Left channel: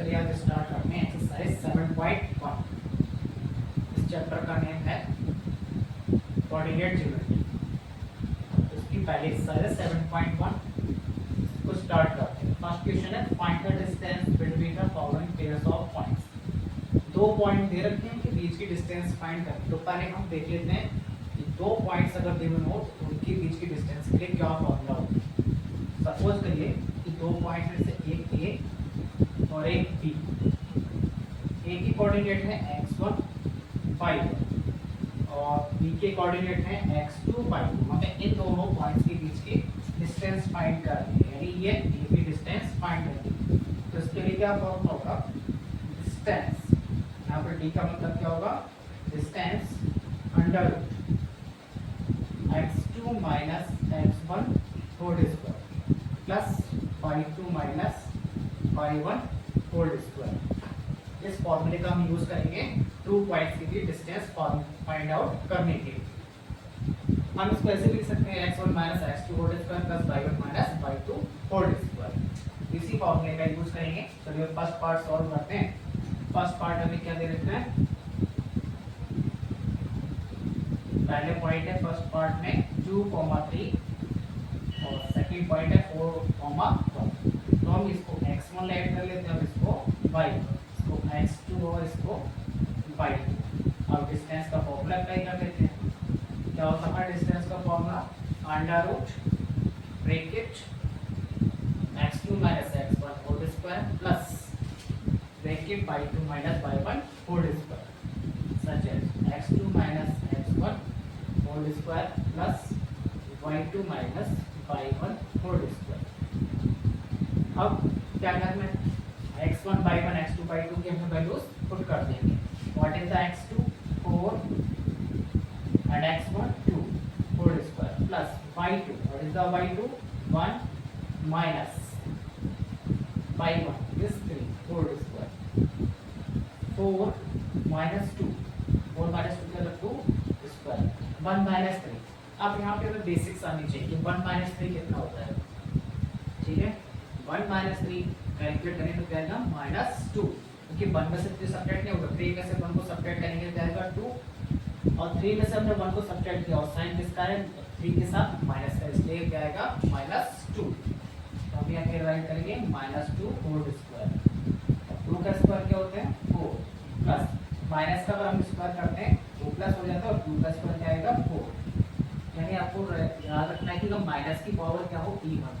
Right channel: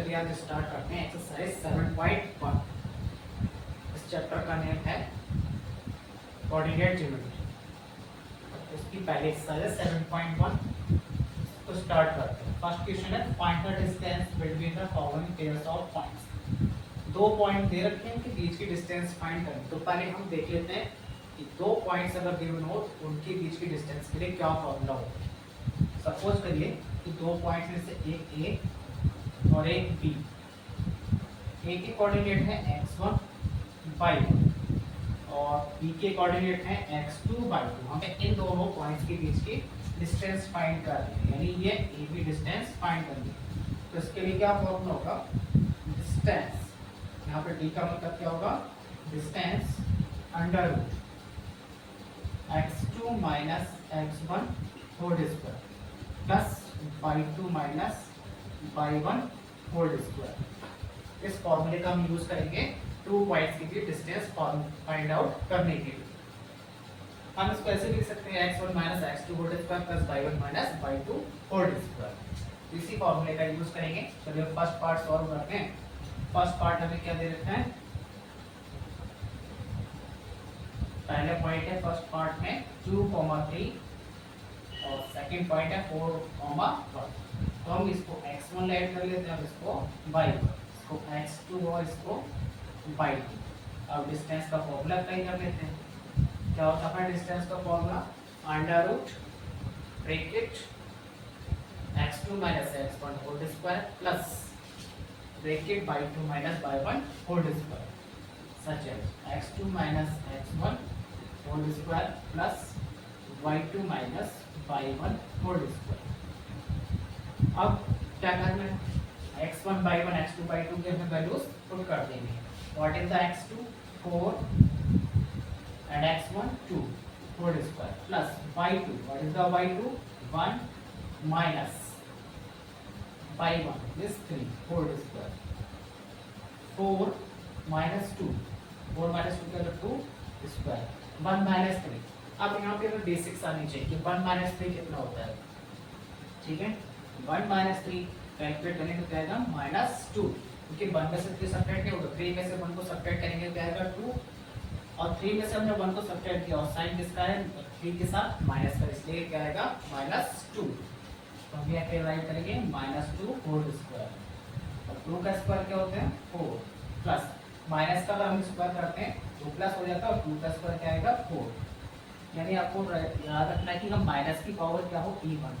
चलिए आज स्टार्ट करते हैं एक्सरसाइज 7.1। इस चैप्टर का नेम है कोऑर्डिनेट ज्योमेट्री। इसकी पहले एक्सरसाइज है 7.1 को स्टार्ट करते हैं। फर्स्ट क्वेश्चन है find the distance between the following pairs of points. दो पॉइंट दे रखे हैं कि बीच की डिस्टेंस फाइंड करें। तो पहले हम देख लेते हैं कि दो पॉइंट्स अगर गिवन हो तो उनके बीच की डिस्टेंस के लिए क्या फॉर्मूला होगा। सपोज करिए कि दो पॉइंट में से एक ए और एक बी। ए की कोऑर्डिनेट है x1 y1 और बी के कोऑर्डिनेट है x2 y2। हमें इन दोनों पॉइंट्स के बीच की डिस्टेंस फाइंड करनी है, यानी ये ए की डिस्टेंस फाइंड करनी है। तो इसके लिए क्या फॉर्मूला होगा, डिस्टेंस, यहाँ पर डी का मतलब क्या होगा, distance under x2 minus x1 whole square plus y2 minus y1 whole square. इस फॉर्मूले का हम यूज करेंगे टू पॉइंट्स के लिए डिस्टेंस फाइंड आउट करने के लिए। हम इसको ऐसे लिख सकते हैं x1 minus x2 whole square plus y1 minus y2 whole square. इसी फॉर्मूले का यूज करेंगे। चलिए फर्स्ट पार्ट सॉल्व करते हैं। फर्स्ट पार्ट हमें क्या दे रखा है, पहले पॉइंट है फर्स्ट पार्ट में 2,3 और सेकंड पॉइंट है 4,1। तो हम इसको x1 ऐड कर लेते हैं, अब इसको y1, इसको x2 और इसको y2। अब डिस्टेंस का फॉर्मूला अप्लाई कर लेते हैं। क्या होता है डिस्टेंस का formula, under root bracket x2 minus x1 whole square plus bracket y2 minus y1 whole square such as x2 minus x1 whole square plus y2 minus y1 whole square. अब क्या करना है, x1 y1 x2 y2 के हमें values put कर देंगे। What is the x2 4 and x1 2 whole square plus y2, what is the y2 1 minus y1 is 3 whole square 4 minus 2, 4 minus 2 क्या 2 square 1 minus 3। अब यहाँ पे हमें बेसिक्स आनी चाहिए, 1 माइनस 3 कितना होता है। ठीक है, 1 माइनस 3 कैलकुलेट करें तो क्या आएगा -2, क्योंकि 1 में से 3 सब्ट्रैक्ट नहीं होगा। 3 में से 1 को सब्ट्रैक्ट करेंगे तो क्या आएगा 2 और 3 में से हमने 1 को सब्ट्रैक्ट किया और साइन किसका है 3 के साथ माइनस का, इसलिए क्या आएगा -2। तो हम यहाँ पे राइट करेंगे -2 होल स्क्वायर और 2 का स्क्वायर क्या होता है 4 प्लस माइनस का अगर हम स्क्वायर करते हैं 2 प्लस हो जाता है और 2 का स्क्वायर क्या आएगा 4। यानी आपको याद रखना है कि हम माइनस की पावर क्या हो इवन,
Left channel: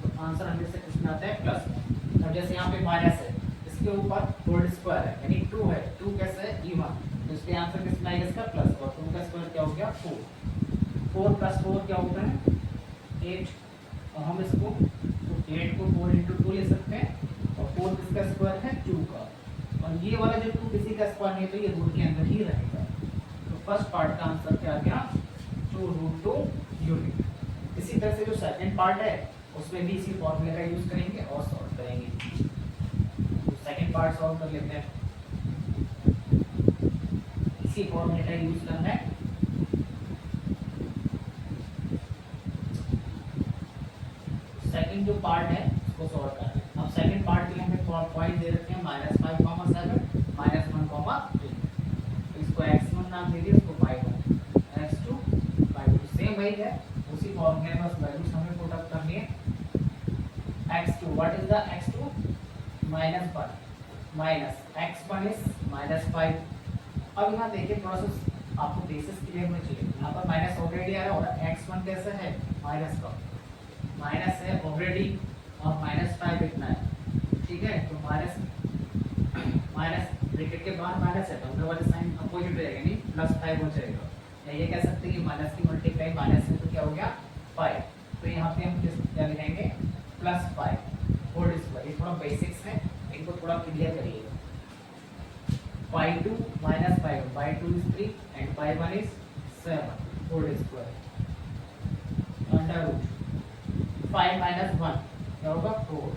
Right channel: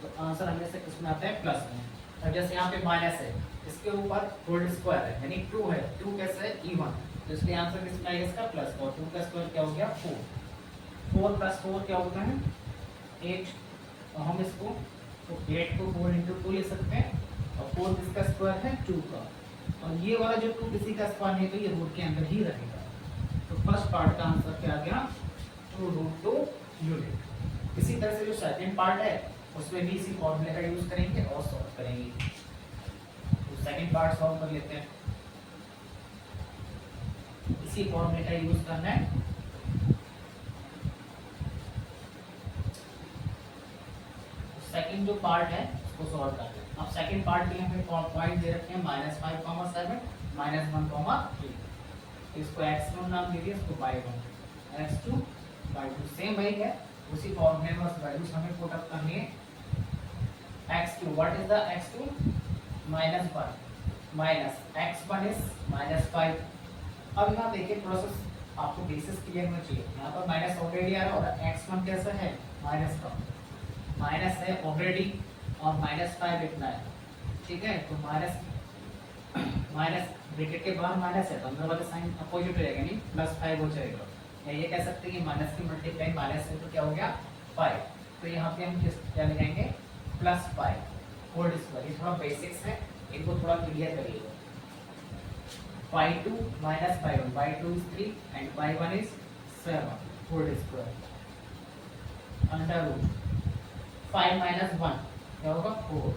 तो आंसर हमेशा किसमें आता है प्लस में। अब जैसे यहाँ पे माइनस है, इसके ऊपर होल स्क्वायर है यानी 2 है, 2 कैसे है इवन, तो इसलिए आंसर किसमें आएगा इसका प्लस, और 2 का स्क्वायर क्या हो गया 4। 4 प्लस 4 क्या होता है 8, और हम इसको 8 को 4 इंटू 2 ले सकते हैं और 4 किसका स्क्वायर है 2 का, और ये वाला जो 2 किसी का स्क्वायर नहीं है तो ये रूट के अंदर ही रहेगा। तो फर्स्ट पार्ट का आंसर क्या आ गया 2√2 यूनिट। इसी तरह से जो सेकंड पार्ट है उसमें भी इसी फॉर्मूले का यूज करेंगे और सॉल्व करेंगे। तो सेकंड पार्ट सॉल्व कर लेते हैं। इसी फॉर्मूले का यूज करना है। सेकंड जो पार्ट है उसको सॉल्व करते हैं। अब सेकंड पार्ट के लिए हमें पॉइंट दे रखे हैं -5,7 -1,3। इसको x1 नाम दे दिया, इसको y1, x2 y2 सेम वही है, उसी फॉर्मूले में बस वैल्यूज हमें पुट अप करनी है। x2, what is the x2 -1 minus x1 is -5। अब यहाँ देखिए थोड़ा सा आपको बेसिस क्लियर होना चाहिए। यहाँ पर माइनस ऑलरेडी आ रहा है और x1 कैसा है माइनस का, माइनस है ऑलरेडी और -5 इतना है। ठीक है, तो माइनस ब्रैकेट के बाहर माइनस है तो अंदर वाले साइन अपोजिट हो जाएगा, यानी +5 हो जाएगा। या ये कह सकते हैं कि माइनस की मल्टीप्लाई माइनस से तो क्या हो गया 5, तो यहाँ पे हम क्या लिखेंगे +5 होल स्क्वायर। ये थोड़ा बेसिक्स है, इनको थोड़ा क्लियर करिएगा। y2 minus y1, y2 is 3 and y1 is 7 whole square under root 5 minus 1 क्या होगा 4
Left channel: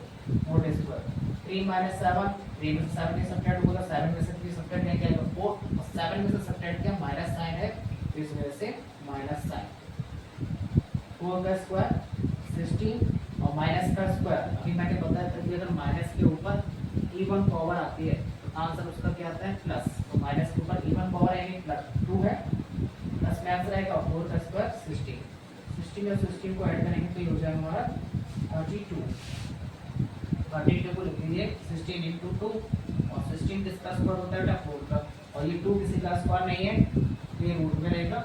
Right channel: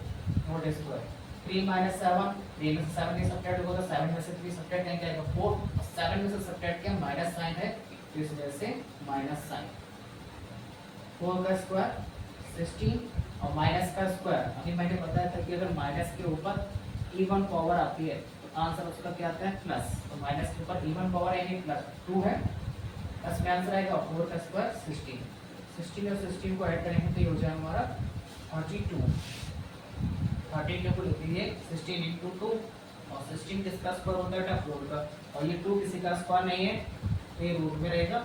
होल स्क्वायर 3 माइनस 7, 3 में से 7 नहीं सब्ट्रैक्ट होगा, 7 में से 3 सब्ट्रैक्ट नहीं करेगा 4 और 7 में से सब्ट्रैक्ट किया माइनस साइन है, इस वजह से माइनस साइन। 4 का स्क्वायर 16 और माइनस का स्क्वायर, अभी मैंने बताया था कि अगर माइनस के ऊपर इवन पावर आती है तो आंसर उसका क्या आता है प्लस, तो माइनस के ऊपर इवन पावर यानी प्लस 2 है, प्लस में आंसर आएगा 4 का स्क्वायर 16, 16 और 16 को ऐड करेंगे तो ये हो जाएगा हमारा 32, 32 को लिख लीजिए 16 इंटू 2 और 16 किसका स्क्वायर होता है 4 का, और ये 2 किसी का स्क्वायर नहीं है तो ये रूट में रहेगा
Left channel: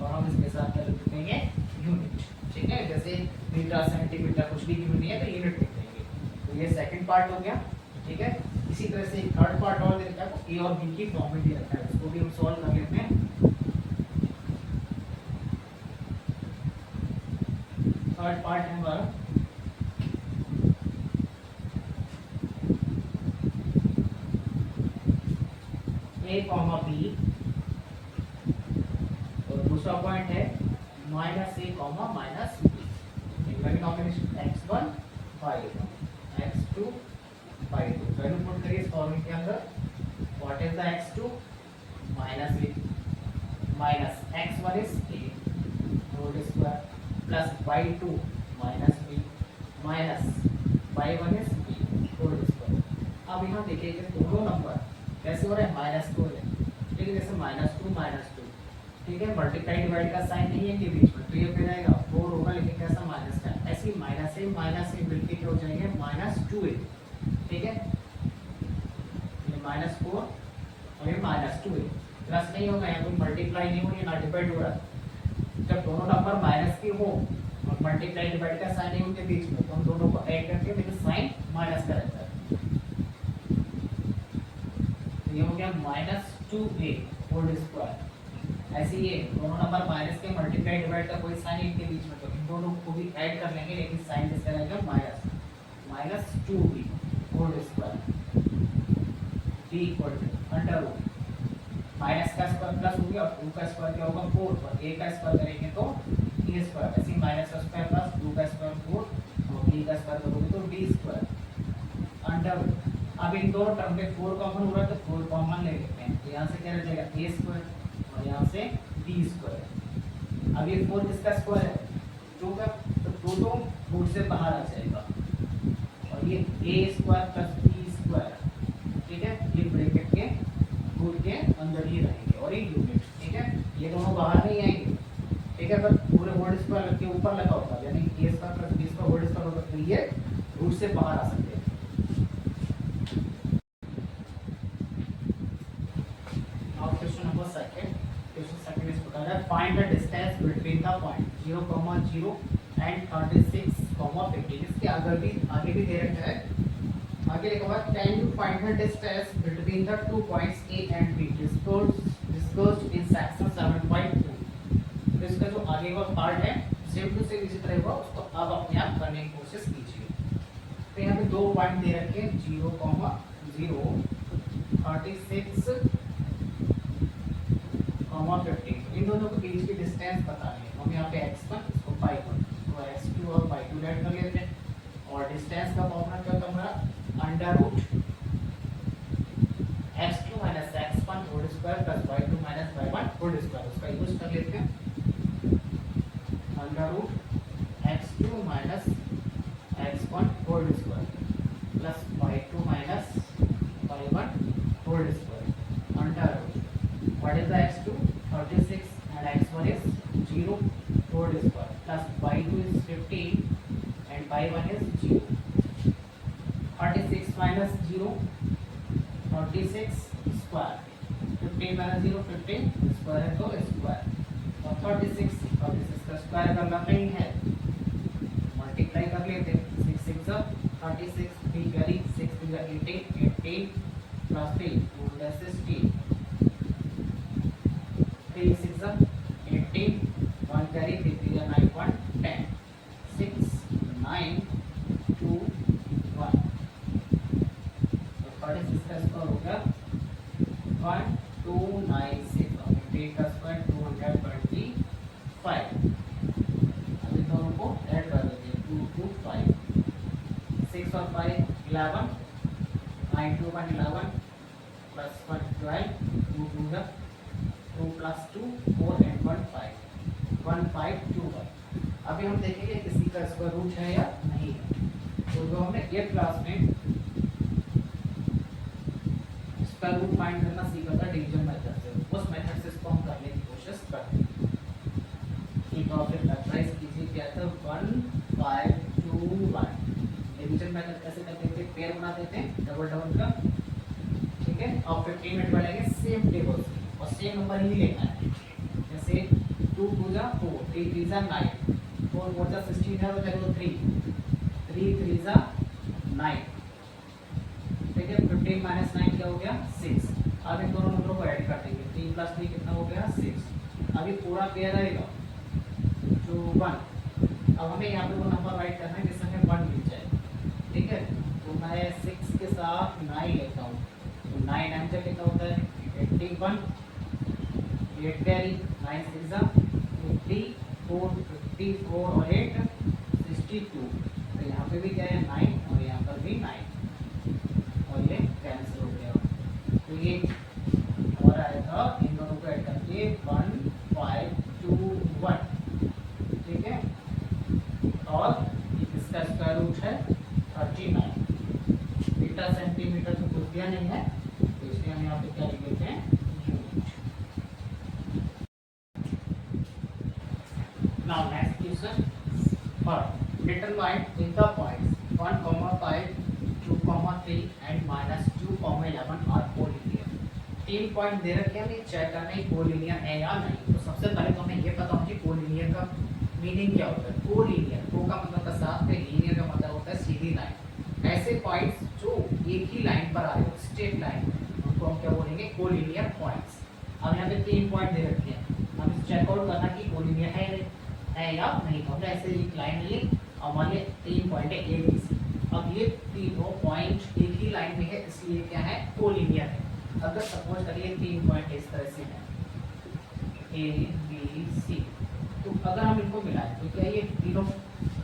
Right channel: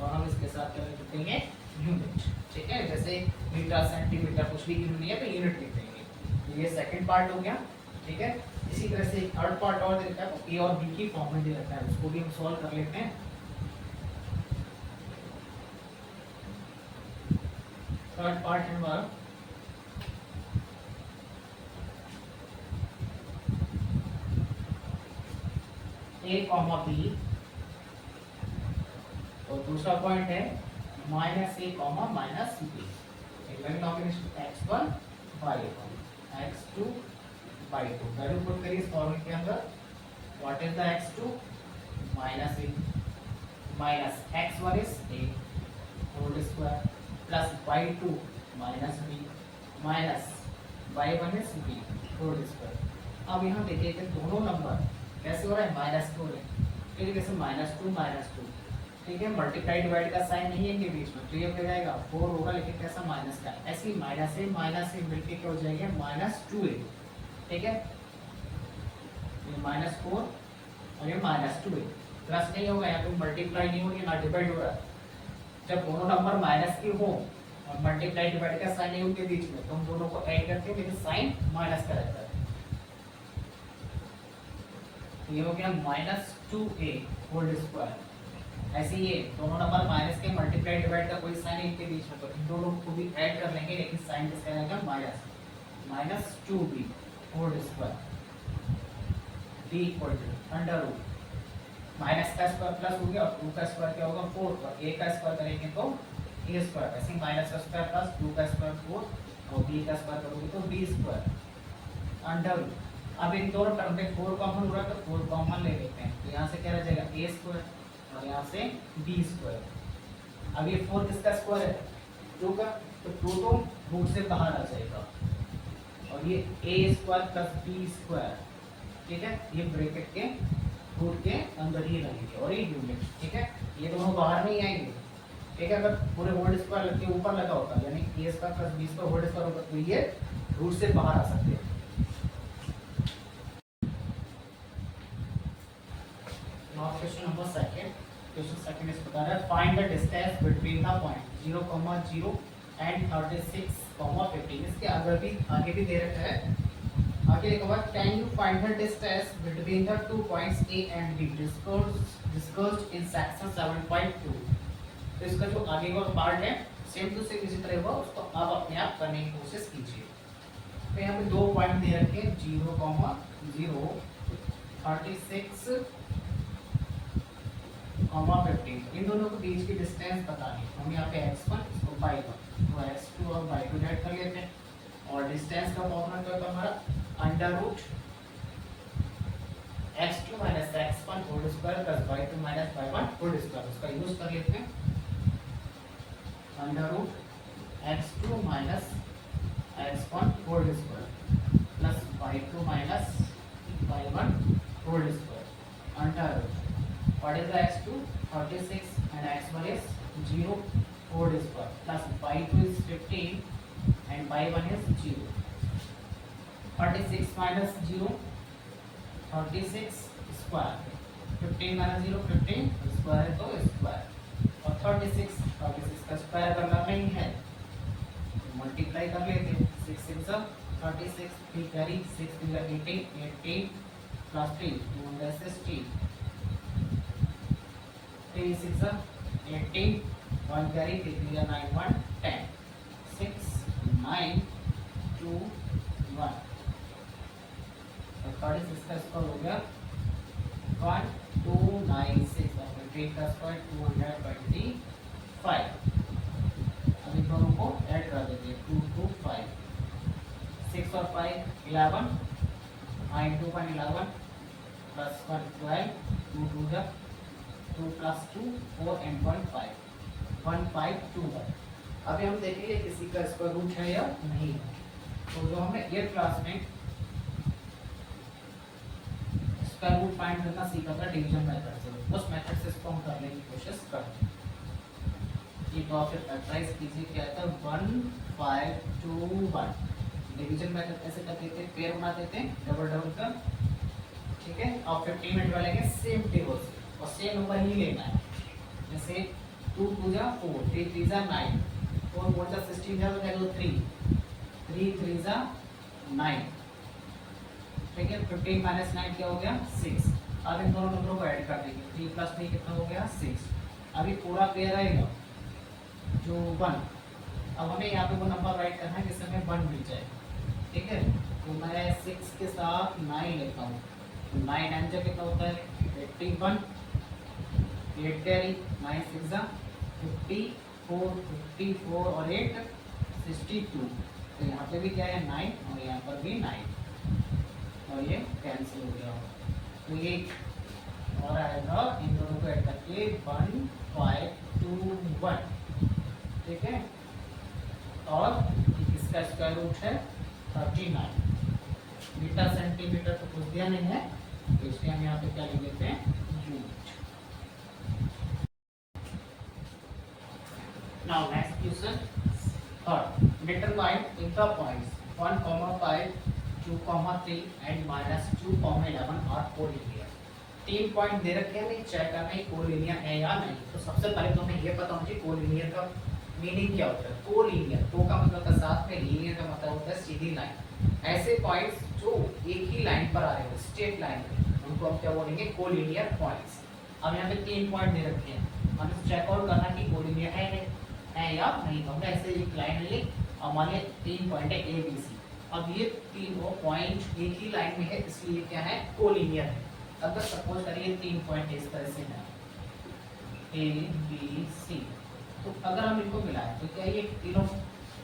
और हम इसके साथ क्या लिख देंगे यूनिट, ठीक है, जैसे मीटर सेंटीमीटर कुछ भी गिवन नहीं है तो यूनिट लिख देंगे। तो ये सेकंड पार्ट हो गया, ठीक है। इसी तरह से थर्ड पार्ट और दे रखा है तो ए और बी की फॉर्म में दे रखा है, उसको भी हम सॉल्व कर लेते हैं। थर्ड पार्ट है हमारा ए कॉमा बी और दूसरा पॉइंट है minus A comma minus B, combination x1 y1 x2 y2, value put करिए इस फॉर्मूले के अंदर, what is the x2 minus A minus x1 is a whole square plus y2 minus b minus y1 is b whole square. अब यहाँ देखिए कि दोनों नंबर कैसे हो रहा है माइनस को, ठीक है, जैसे -2 -2, ठीक है, मल्टीप्लाई डिवाइड का साइन नहीं है इनके बीच में तो ये फिर रहेगा 4 होगा, लेकिन कैसा माइनस का, ऐसे ही माइनस ए मिलके क्या हो जाएंगे -2a, ठीक है, ये -4 और ये -2a, प्लस नहीं होगा, यहाँ पे मल्टीप्लाई नहीं हो रही है ना डिवाइड हो रहा है। जब दोनों नंबर माइनस के हो और मल्टीप्लाई डिवाइड का साइन नहीं उनके बीच में तो हम दोनों को ऐड करते हैं, लेकिन साइन माइनस का रहता है, ये हो गया -2a होल स्क्वायर। ऐसे ही दोनों नंबर माइनस के मल्टीप्लाई डिवाइड का कोई साइन इनके बीच में तो इन दोनों को भी ऐड कर लेंगे, लेकिन साइन किसका रहेगा minus -2b whole square b equal to under root minus का स्क्वायर प्लस हो गया और 2 का स्क्वायर क्या होगा 4 और a का स्क्वायर करेंगे तो a स्क्वायर, ऐसे माइनस का स्क्वायर प्लस 2 का स्क्वायर 4 और b का स्क्वायर करोगे तो b स्क्वायर अंडर रूट। अब इन दोनों टर्म में 4 कॉमन हो रहा है तो 4 कॉमन ले लेते हैं, तो यहाँ से क्या रह जाएगा a स्क्वायर और यहाँ से b स्क्वायर। अब ये 4 किसका स्क्वायर है 2 का, तो 2 तो रूट से बाहर आ जाएगा और ये a square plus b square, ठीक है, ये ब्रैकेट के रूट के अंदर ही रहेंगे और ये यूनिट, ठीक है, ये दोनों बाहर नहीं आएंगे, ठीक है। अगर पूरे होल स्क्वायर के ऊपर लगा होता यानी a square plus b square whole square होता तो ये रूट से बाहर आ सकते हैं। Question number second, question second इस प्रकार है, find the distance between the point 0, 0 and 36, 15। इसके आगे भी दे रखा है, आगे लिखा हुआ can you find the distance between the two points a and b discussed in section 7.2। तो इसका जो आगे का पार्ट है सेम टू सेम इसी तरह होगा, उसको आप अपने आप करने की कोशिश कीजिए। तो यहाँ पे दो पॉइंट दे रखे हैं 0, 0 36 15, इन दोनों के बीच की डिस्टेंस बतानी है। हम यहाँ पे x1 इसको y1 तो x2 और y2 ऐड कर लेते हैं और डिस्टेंस का फॉर्मूला क्या होता है हमारा under root x2 minus x1 whole square plus y2 minus y1 whole square, उसका यूज कर लेते हैं under root x2 minus x1 whole square plus y2 minus y1 whole square under root what is the x2 36 and x1 is 0 whole square plus y2 is 15 and y1 is 0। 36 minus 0 36 square, 15 minus 0 15 square है तो square और 36 का square करना नहीं है multiply कर लेते हैं 6 6 36 3 कैरी 6 3 18 18 प्लस 3 2 16 3 6 18 1 carry 3 3 9 1 10 6 9 2 1 तो 36 का स्क्वायर हो गया 1296 और 58 का स्क्वायर 225। अब इन दोनों को ऐड कर देते हैं 2 2 5 6 और 5 11 9 2 1 11 प्लस 1 12 2 2 जा 2 plus 2 4 and 1 5 1 5 2 1। अभी हम देखेंगे किसी का स्क्वायर रूट है या नहीं है। तो जो हमने 8th क्लास में स्क्वायर रूट फाइंड करना सीखा था डिवीजन मेथड से, उस मेथड से इसको हम करने की कोशिश करते हैं। ठीक है, फिर फैक्टराइज कीजिए, क्या था 1 5 2 1। डिवीजन मेथड कैसे करते थे, पेयर बनाते थे डबल डबल का, ठीक है। और 15 मिनट वाले सेम टेबल से और सेम नंबर ही लेना है, जैसे 2 2 जा 4, 3 3 जा 9, 4 4 जा 16 जा तो क्या हो 3, 3 3 जा 9, ठीक है। 15 माइनस 9 क्या हो गया 6। अब इन दोनों नंबरों को ऐड कर देंगे, 3 प्लस 3 कितना हो गया 6। अभी पूरा पेयर रहेगा जो 1। अब हमें यहाँ पे वो नंबर राइट करना है जिससे हमें 1 मिल जाए, ठीक है। तो मैं 6 के साथ 9 लेता हूँ, तो 9 9 जा कितना होता है 81, 8 कैरी 9 6 जा 54, 54 और 8 62। तो यहाँ पे भी क्या है 9 और यहाँ पर भी 9 और ये कैंसिल हो गया। तो ये और आएगा इन दोनों को ऐड करके 1 5 2 1, ठीक है। और इसका स्क्वायर रूट है 39 मीटर सेंटीमीटर, तो कुछ दिया नहीं है, तो इसलिए हम यहाँ पे क्या लिख लेते हैं unit. Now next question, determine with the points 1, 5, 2, 3 and -2, 11 are collinear. 3 point दे रखे हैं, चेक करना है कोलिनियर है या नहीं। तो सबसे पहले तो हमें ये पता होना चाहिए कोलिनियर का मीनिंग क्या होता है। कोलिनियर, को का मतलब होता है साथ में, लीनियर का मतलब होता है सीधी लाइन। ऐसे पॉइंट्स जो एक ही लाइन पर आ रहे हो, स्ट्रेट लाइन में, उनको हम क्या बोलेंगे कोलिनियर पॉइंट्स। अब यहाँ पे 3 पॉइंट दे रखे हैं, हमें चेक आउट करना कि कोलिनियर है या नहीं। तो हमने ऐसे एक लाइन ली, हमारे 3 पॉइंट है ए बी सी। अब ये तीनों पॉइंट एक ही लाइन में है, इसलिए क्या है कोलिनियर है। अगर सपोज करिए 3 पॉइंट इस तरह से है ए बी सी, तो अगर हम इनको मिलाएं तो क्या ये तीनों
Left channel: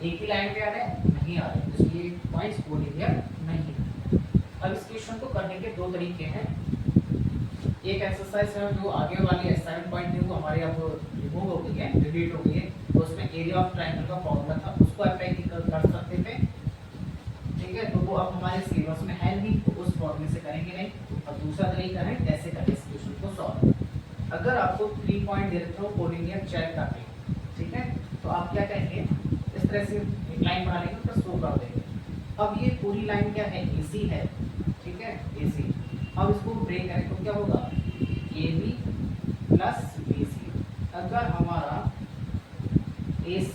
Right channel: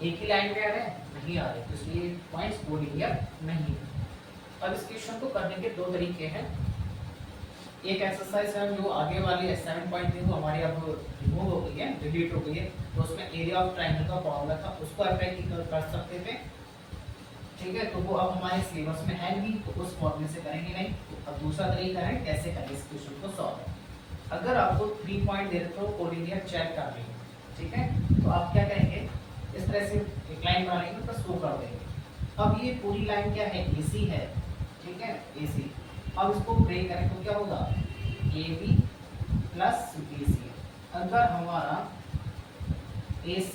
एक ही लाइन में आ रहे हैं, नहीं आ रहे, तो इसलिए पॉइंट्स कोलिनियर नहीं है। अब इस क्वेश्चन को करने के 2 तरीके हैं। एक एक्सरसाइज है जो आगे वाली असाइनमेंट पॉइंट थी वो हमारी अब रिमूव हो गई है, डिलीट हो गई है, तो उसमें एरिया ऑफ ट्रायंगल का फॉर्मूला था, उसको अप्लाई कर सकते थे, ठीक है। तो वो अब हमारे सिलेबस में है नहीं, तो उस फॉर्मूले से करेंगे नहीं। अब दूसरा तरीका है कैसे करें इस क्वेश्चन को सॉल्व। अगर आपको 3 पॉइंट दे रहे हो कोलिनियर चेक कर लें, ठीक है, तो आप क्या करेंगे इस तरह से एक लाइन बना लेंगे तो शो कर देंगे। अब ये पूरी लाइन क्या है एसी है, ठीक है एसी। अब इसको ब्रेक करें तो क्या होगा A B plus B C. अगर हमारा AC,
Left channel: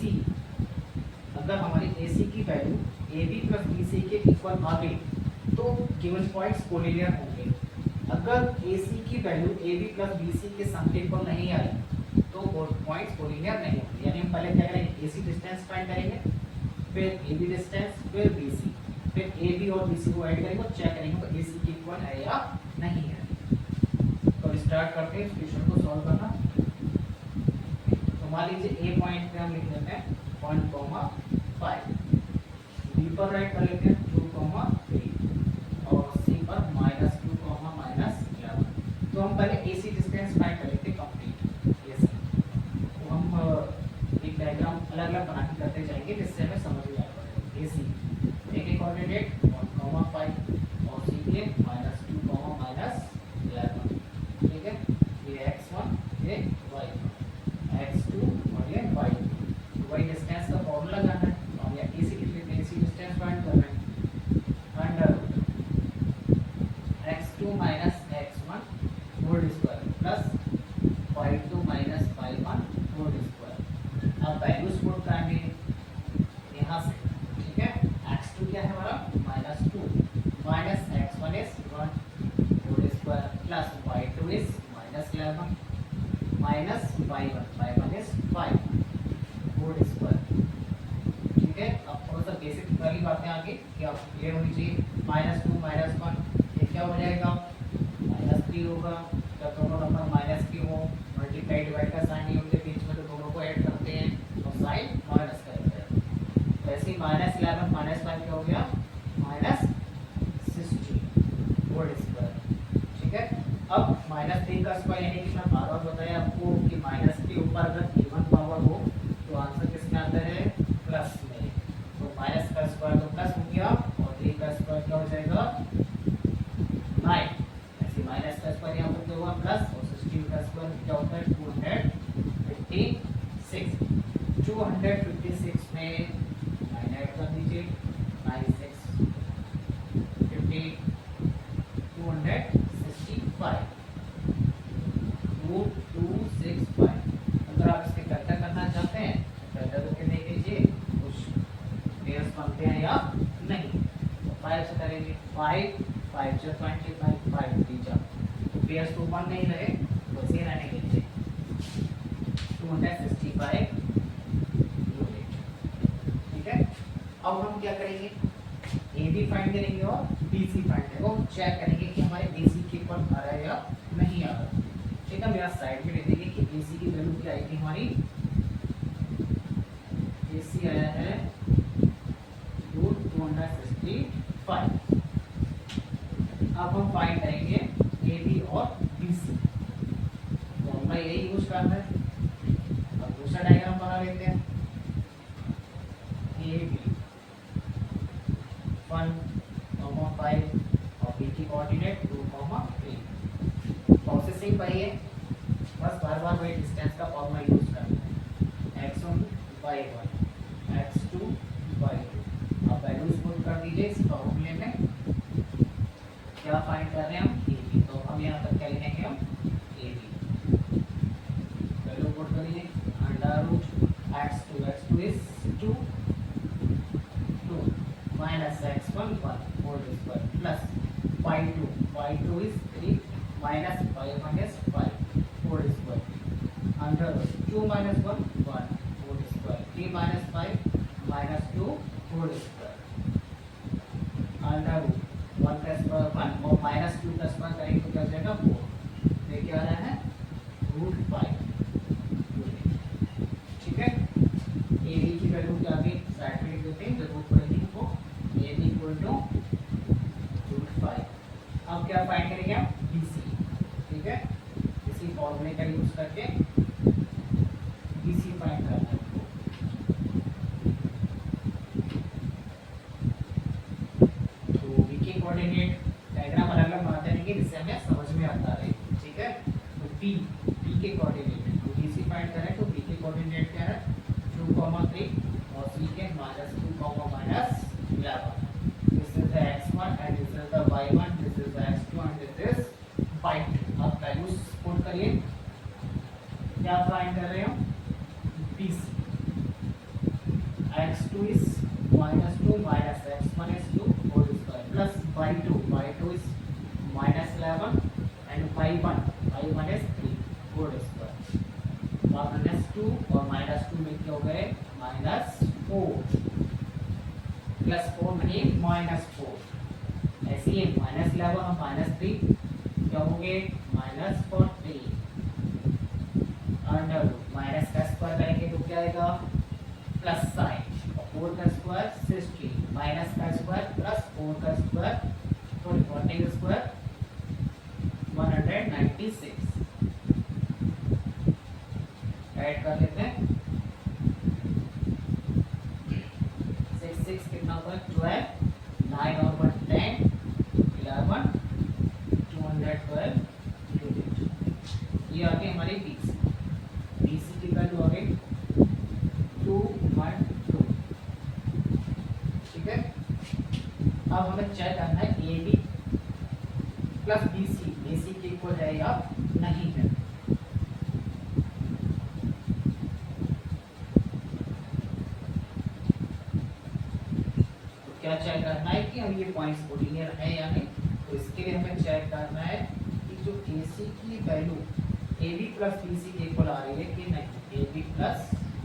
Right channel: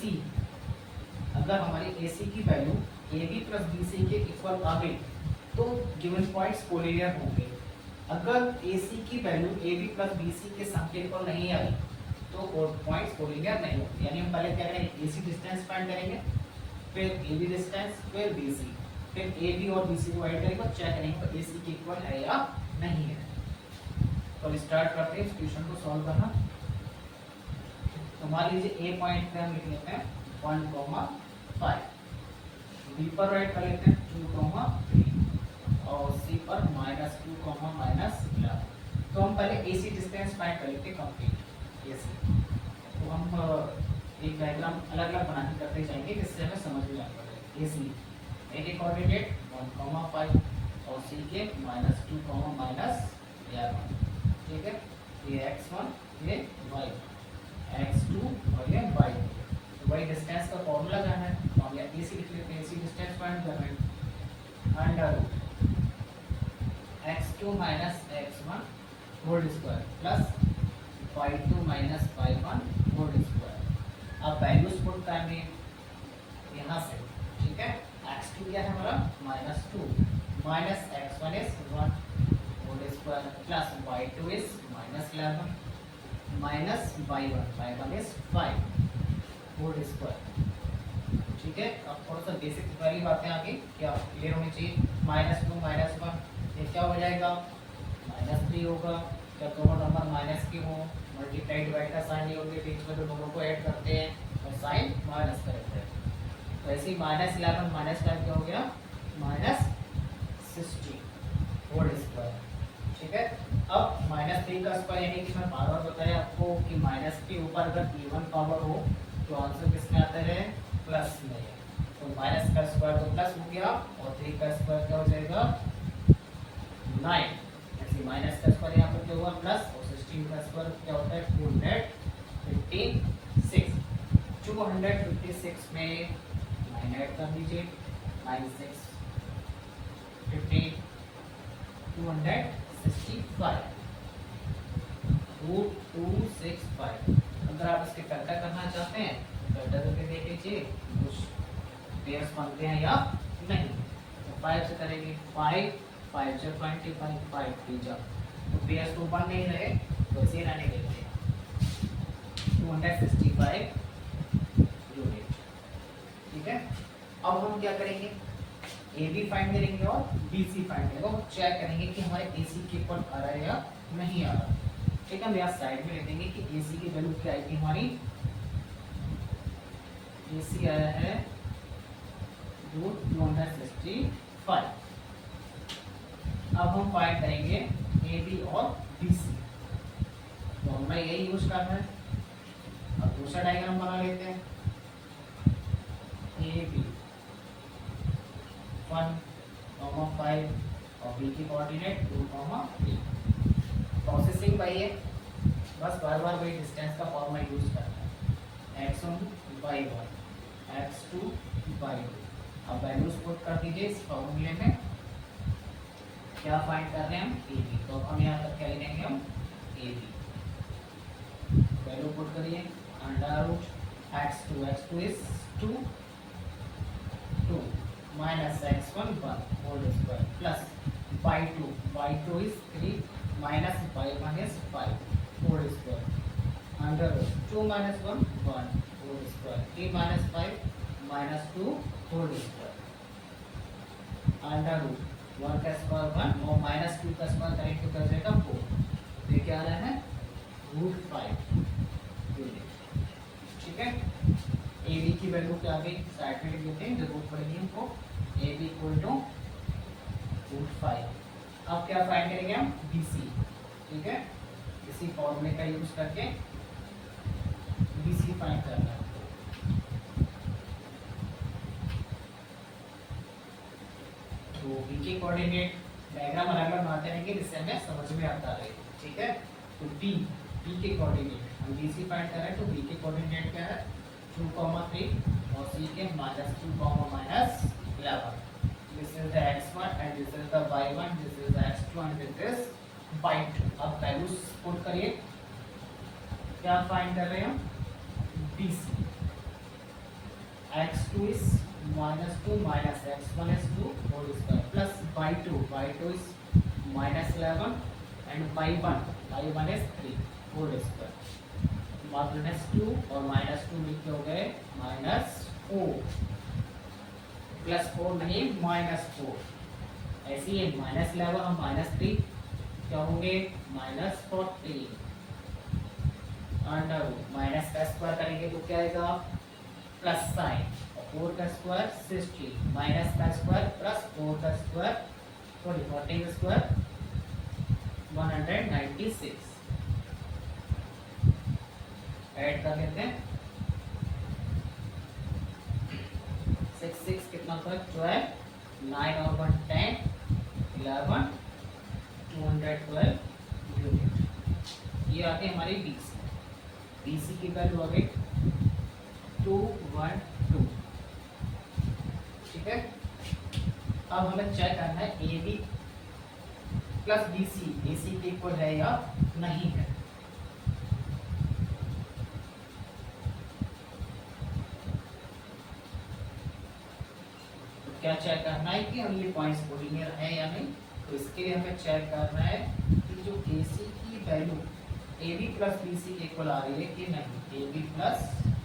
अगर हमारी AC की वैल्यू AB प्लस BC के इक्वल आ गई तो गिवन पॉइंट्स कोलिनियर होंगे। अगर AC की वैल्यू AB प्लस BC के सम के इक्वल नहीं आई तो पॉइंट्स कोलिनियर नहीं होंगे। यानी हम पहले क्या करेंगे AC डिस्टेंस फाइंड करेंगे, फिर AB डिस्टेंस, फिर BC, फिर AB और BC को ऐड करेंगे और चेक करेंगे तो AC के इक्वल है या नहीं है। तो स्टार्ट करते हैं इस क्वेश्चन को सॉल्व करना। तो मान लीजिए A पॉइंट पे हम लिख लेते हैं 1,5, B पर राइट कर लेते हैं 2,3 और C पर -2, -11। तो हम पहले AC डिस्टेंस फाइंड कर लेते हैं कंप्लीट AC। तो हम एक डायग्राम अलग अलग बना के करते जाएंगे जिससे हमें समझ में आ जाएगा। AC एक कोऑर्डिनेट 1,5 और C के -2, -11, ठीक है। ये x1, ये y1, x2 और ये y2। y डिस्टेंस का फॉर्मूला क्या है, तो हम यहाँ AC लिख लेते हैं, AC डिस्टेंस फाइंड कर रहे हैं, under x2 - x1 whole square plus y2 - y1 whole square. अब वैल्यूज पुट करेंगे यहाँ से, ठीक है। x2 क्या है हमारा -2, -x1 is 1 whole square plus y2 is -11 minus y1 is 5 whole square, ठीक है। अब थोड़ा सा बेसिक वाली बातें आगे क्या क्लियर होनी चाहिए। -2 -1 ये क्या हो जाएगा -3 होगा। जब दोनों नंबर माइनस के हो, मल्टीप्लाई डिवाइड का साइन नहीं होते बीच में, तो दोनों को ऐड करते हैं और साइन माइनस करते हैं। तो ऐसे ही -11 -5 क्या हो गया -16 होल स्क्वायर, ठीक है। अब -3 का स्क्वायर यानी कि मैं बार बार बताया आपको कि माइनस के ऊपर अगर इवन पावर हो तो आंसर किस में आता है प्लस में। तो माइनस का स्क्वायर तो प्लस हो गया और 3 का स्क्वायर क्या हो जाएगा 9, ऐसे तो क्या होता है 256। 256 में 9 ऐड कर दीजिए, 9 6 50, 265 रूट 265। अगर आप इसके फैक्टर करना चाहते हैं फैक्टर करके देख लीजिए कुछ पेयर्स बनते हैं या नहीं। तो 5 से करेंगे, 5 5 से 25, 5 3 जा, तो पेयर्स तो बन नहीं रहे तो इसे रहने के लिए 265 यूनिट। ठीक है, अब हम क्या करेंगे, ए बी फाइंड करेंगे और बी सी फाइंड करेंगे और चेक करेंगे कि हमारे ए सी के ऊपर आ रहा है या नहीं आ रहा। ठीक है, हम यहाँ साइड में लिख देंगे कि ए सी की वैल्यू क्या आएगी हमारी, ए सी आया है रूट 265। अब हम फाइंड करेंगे ए बी और बी सी, तो हमें यही यूज करना है। अब दूसरा डायग्राम बना लेते हैं, ए बी 1,5 और बी की कोऑर्डिनेट 2,3। प्रोसेसिंग वही है, बस बार बार वही डिस्टेंस का फॉर्मूला यूज करना है, x1 y1 x2 y2। अब वैल्यूज पुट कर दीजिए इस फॉर्मूले में। क्या फाइंड कर रहे हैं हम, ए बी, तो हम यहाँ पर क्या लिखेंगे, हम ए बी वैल्यू पुट करिए, under root x2 is 2 minus x1 1 whole square plus phi 2 is 3 minus phi 1 is 5 whole square under root 2 minus 1 whole square 3 minus 5 minus 2 whole square under root 1 का square 1 और minus 2 का square करेंगे तो क्या हो जाएगा 4। ये क्या आ रहा है रूट 5 यूनिट। ठीक है, ए बी की वैल्यू क्या आ गई, साइड में लिख देते हैं, जरूरत पड़ेगी हमको। A B equal to root 5। अब क्या फाइंड करेंगे हम, बी सी। ठीक है, इसी फॉर्मूले का यूज करके बी सी फाइंड करना है। तो बी के कोऑर्डिनेट डायग्राम अलग अलग बनाते रहेंगे जिससे हमें समझ में आता रहे। ठीक है, तो बी के कोऑर्डिनेट हम बी सी फाइंड करें तो बी के कोऑर्डिनेट क्या है 2,3 और सी के -2, -11। This is the x1 and this is the y1, this is the x2 and this is y2। अब वैल्यूज पुट करिए, क्या फाइंड कर रहे हैं हम, BC। x2 is -2 minus x1 is 2 whole square plus y2 is -11 and y1 is 3 whole square। -2 और -2 मिलके हो गए -4 +4 नहीं -4। ऐसे ही -11 और -3 क्या होंगे -40 अंडर रूट माइनस का स्क्वायर करेंगे तो क्या आएगा प्लस साइन, और 4 का स्क्वायर 60 माइनस का स्क्वायर प्लस 4 का स्क्वायर 40 का स्क्वायर 196। ऐड कर लेते हैं, 6 6 कितना होगा 12, 9 और 1 10, 11, 212 यूनिट। ये आते हैं हमारी बीसी। बीसी की वैल्यू आ गई 212। ठीक है, अब हमें चेक करना है A B plus B C A C के इक्वल है या नहीं है। क्या चेक करना है कि हम ये पॉइंट्स कोलिनियर है या नहीं। तो इसके लिए हमें चेक करना है कि जो AC की वैल्यू AB प्लस BC के इक्वल आ रही है कि नहीं, AB प्लस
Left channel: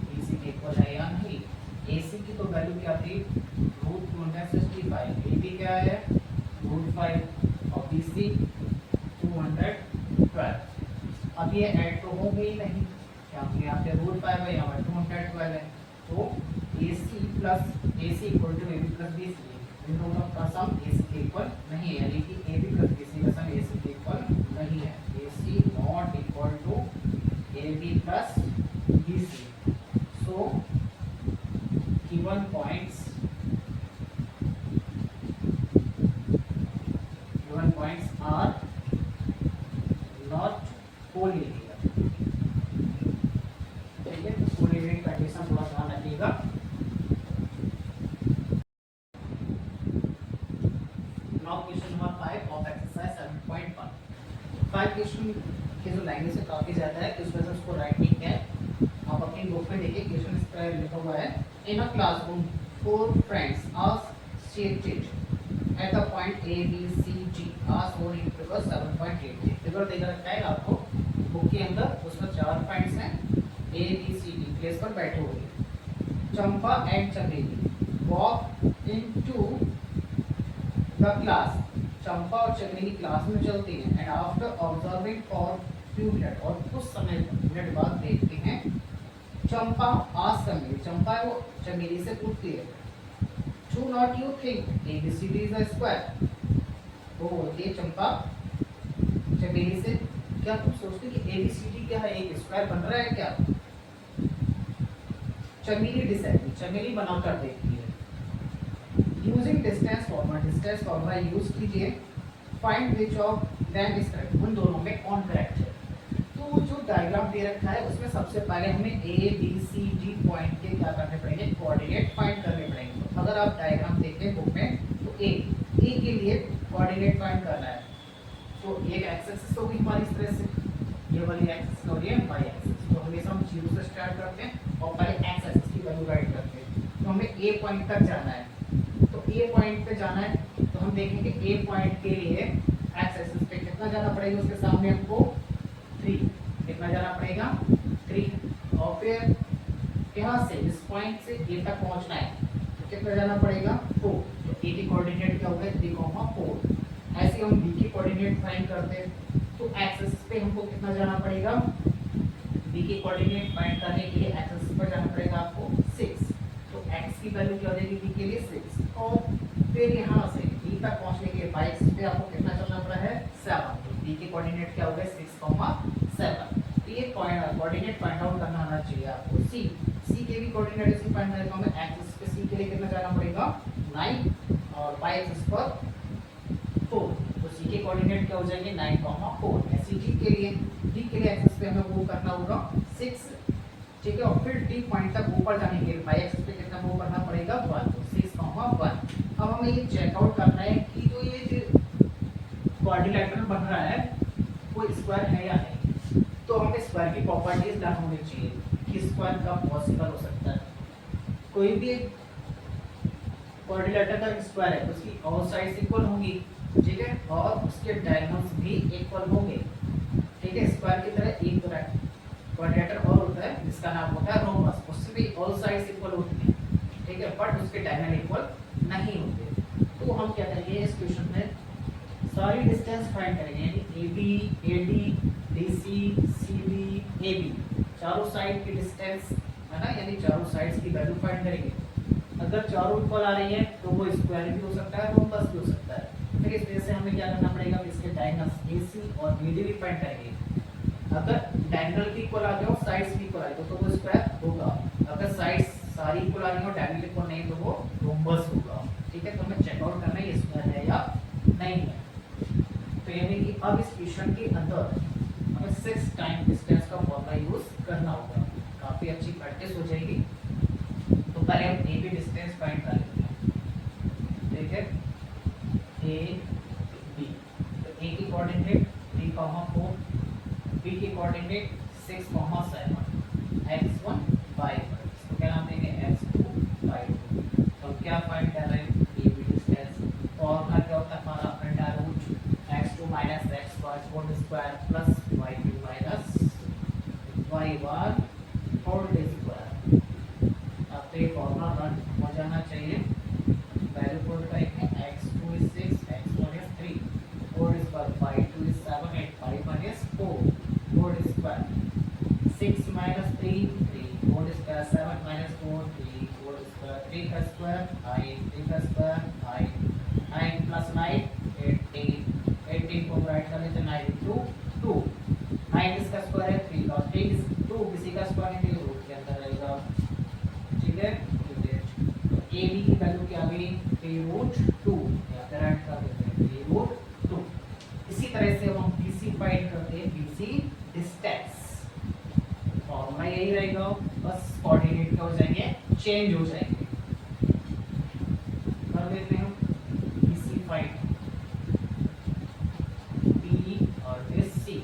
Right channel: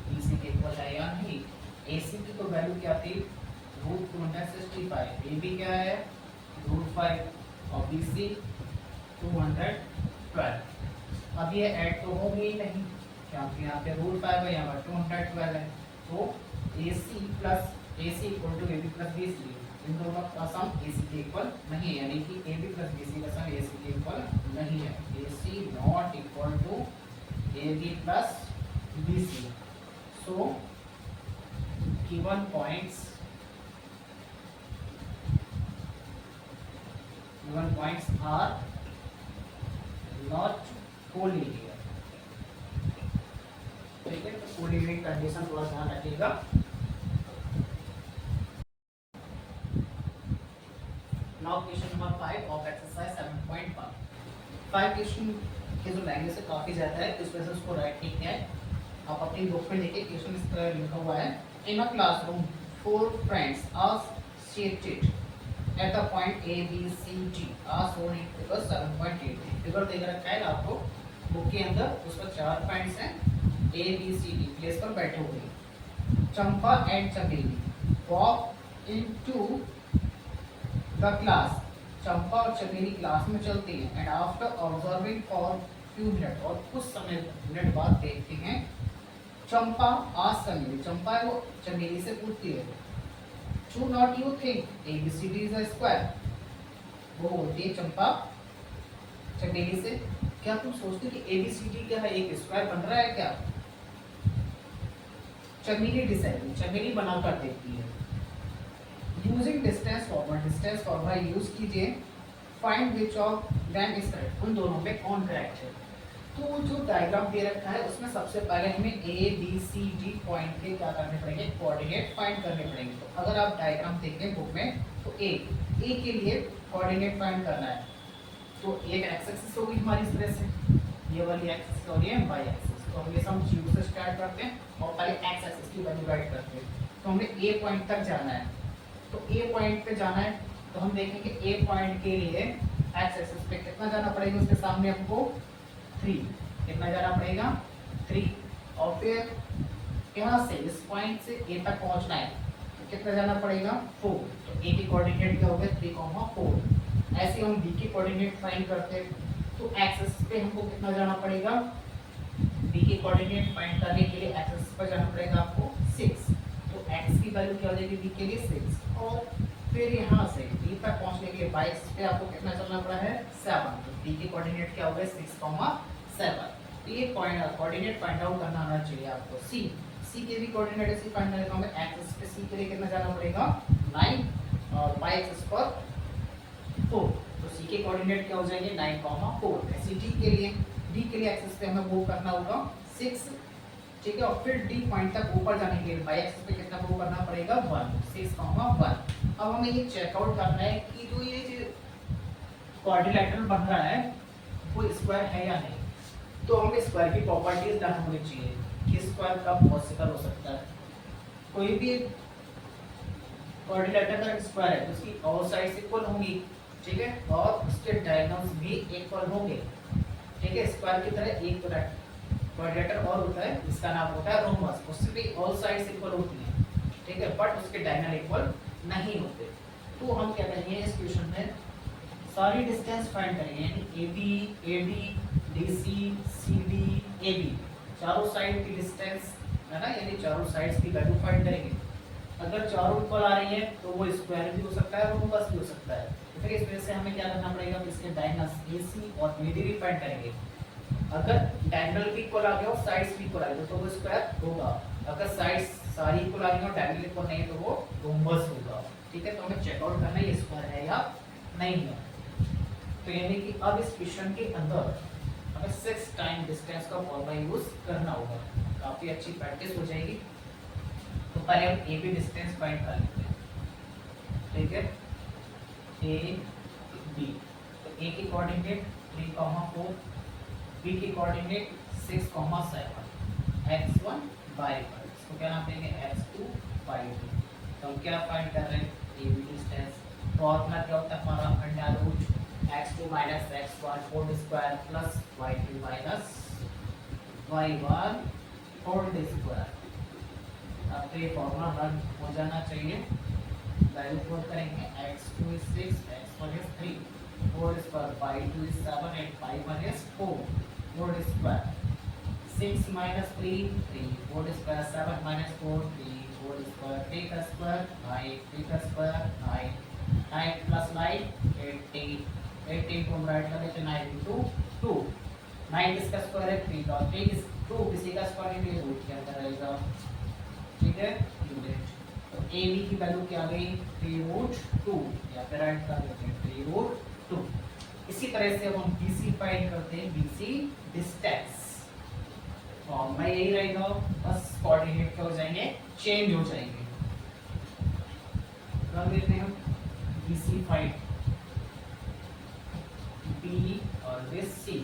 BC के इक्वल है या नहीं। AC की तो वैल्यू क्या थी √265, AB क्या है √5 और BC 212। अब ये ऐड तो हो गई नहीं क्योंकि यहाँ पे √5 है, यहाँ पर 212 है। तो AC equal to AB plus BC, इन दोनों का सम AC के इक्वल नहीं है, यानी कि AB प्लस BC का सम AC के इक्वल नहीं है। AC not equal to AB plus BC। So given points are not collinear. Given condition थोड़ा ध्यान रखिएगा। Now question number 5 of exercise 7.1। 5 question के जो लैंग्वेज है काफी ज्यादा है, इस वजह से उसको राइट नहीं किया है। आप अपनी बुक में देखिए, क्वेश्चन इस तरह लिखा हुआ है, in a classroom 4 friends are seated at the point A B C D are shown in figure 7.8। Figure देख रखा है आपको बुक के अंदर, उसमें 4 फ्रेंड्स हैं A B C D place पर बैठे हुए। चंपा एंड चमेली वॉक इनटू द क्लास। चंपा और चमेली क्लास में चलती हैं and after observing for few minute, और कुछ समय मिनट बाद देखते हैं। चंपा आस्क्स चमेली, चंपा वो चमेली से पूछती है, do not you think ABCD is a square. वो बोलती है चंपा चमेली से, क्या तुम सोचते कि ABCD क्या है, एक स्क्वायर बन रहा है क्या। चमेली डिसाइड, चमेली बनाकर देखती है। यूजिंग डिस्टेंस फॉर्मूला यूज कीजिए, find which of them is correct, उन दोनों में कौन करेक्ट है। तो जो डायग्राम दे रखा है उसमें सबसे पहले हमें ABCD पॉइंट के क्या करने पड़ेंगे, कोऑर्डिनेट फाइंड करने पड़ेंगे। तो अगर आप डायग्राम देखें बुक में, तो ए के लिए कोऑर्डिनेट फाइंड करना है। तो एक एक्स एक्सिस होगी हमारी इस तरह से, ये वाली एक्सिस हो रही है वाई एक्सिस। तो हमेशा हम 0 से स्टार्ट करते हैं और पहले एक्स एक्सिस की वैल्यू राइट करते हैं। तो हमें ए पॉइंट तक जाना है, तो ए पॉइंट पे जाना है, तो हम देखेंगे ए पॉइंट के लिए एक्स एक्सिस पे कितना जाना पड़ेगा, उसके सामने हमको 3, कितना जाना पड़ेगा 3, और फिर यहाँ से इस पॉइंट से ए तक पहुँचना है, तो कितना जाना पड़ेगा 4। तो ए की कोऑर्डिनेट क्या हो गया 3,4। ऐसे हम बी की कोऑर्डिनेट फाइंड करते हैं, तो एक्स एक्सिस पे हमको कितना जाना पड़ेगा, बी की कोऑर्डिनेट फाइंड करने के लिए एक्स एक्सिस पर जाना पड़ेगा आपको 6। तो एक्स की वैल्यू क्या हो जाएगी बी के लिए 6, और फिर यहाँ से बी तक पहुंचने के लिए वाई एक्सिस पे आपको कितना चलना पड़ा है 7। तो बी की कोऑर्डिनेट क्या हो गया 6,7। तो ये कोऑर्डिनेट फाइंड आउट करना आना चाहिए आपको। सी के भी कोऑर्डिनेट इसी फाइंड करने का हमें एक्स एक्सिस पे सी के लिए कितना जाना पड़ेगा 9, और वाई एक्सिस पर 4। तो सी के कोऑर्डिनेट क्या हो जाएंगे 9,4। ऐसे डी के लिए एक्सिस पे हमें मूव करना होगा 6, ठीक है, और फिर डी पॉइंट तक ऊपर जाने के लिए वाई एक्सिस पे कितना मूव करना पड़ेगा 1, 6,1। अब हमें ये चेकआउट करना है कि जो ये क्वाड्रिलेटरल बन रहा है वो स्क्वायर है या नहीं। तो हमें स्क्वायर की प्रॉपर्टीज जाननी होनी चाहिए कि स्क्वायर कब पॉसिबल हो सकता है। कोई भी क्वाड्रिलेटरल का स्क्वायर है तो उसकी ऑल साइड्स इक्वल होंगी, ठीक है, और उसके डायगोनल्स भी इक्वल होंगे, ठीक है। स्क्वायर की तरह एक क्वाड्रिलेटरल और होता है जिसका नाम होता है रोम्बस, उससे भी ऑल साइड्स इक्वल होती हैं, ठीक है, बट उसके डायगोनल इक्वल नहीं होते। तो हम क्या करेंगे इस क्वेश्चन में सारी डिस्टेंस फाइंड करेंगे, यानी AB, AD, DC, CD, AB चारों साइड की डिस्टेंस है ना, यानी चारों साइड्स की वैल्यू फाइंड करेंगे। अगर चारों इक्वल आ रही है तो वो स्क्वायर भी हो सकता है, रोम्बस भी हो सकता है। फिर इस वजह से हमें क्या करना पड़ेगा, इसके डायगोनल्स AC और AD भी फाइंड करेंगे। अगर डायगोनल भी इक्वल आ गया और साइड्स भी इक्वल आ गया तो वो स्क्वायर होगा। अगर साइड्स सारी इक्वल आ रही और डायगोनल इक्वल नहीं तो वो रोम्बस होगा, ठीक है। तो हमें चेकआउट करना है ये स्क्वायर है या नहीं है। तो यानी कि अब इस क्वेश्चन के अंदर हमें 6 टाइम डिस्टेंस का फॉर्मूला यूज करना होगा, काफी अच्छी प्रैक्टिस हो जाएगी। तो पहले हम ए बी डिस्टेंस फाइंड कर लेते हैं, ठीक है, ए बी। तो ए की कोऑर्डिनेट 3,4, बी की कोऑर्डिनेट 6,7, x1 y1, इसको क्या नाम देंगे x2 y2। तो हम क्या फाइंड कर रहे हैं ए बी डिस्टेंस। फॉर्मूला क्या होता है हमारा under root x2 minus x1 whole square plus y2 minus y1 whole square. अब तो ये फॉर्मूला रन हो जाना चाहिए। वैल्यू पुट करेंगे x2 is 6, x1 is 3, 4 square, 5 is 7, 8, 5 is 4, 4 square, 6 minus 3, 3, 4 square, 7 minus 4, 3, 4 square, 3 का square, 9, 3 का square, 9, 9 plus 9, 18, 18 को राइट कर लेते 9 into 2, 9 इसका स्क्वायर है 3 का, 3 2 किसी का स्क्वायर नहीं है रूट के अंदर रहेगा, ठीक है। तो ए बी की वैल्यू क्या आ गई 3√2, या फिर राइट कर देते हैं 3√2। इसी तरह से हम BC फाइंड करते हैं, BC डिस्टेंस। फॉर्मूला यही रहेगा, बस कोऑर्डिनेट क्या हो जाएंगे, चेंज हो जाएंगे। कर लेते हैं BC फाइंड B और दिस C।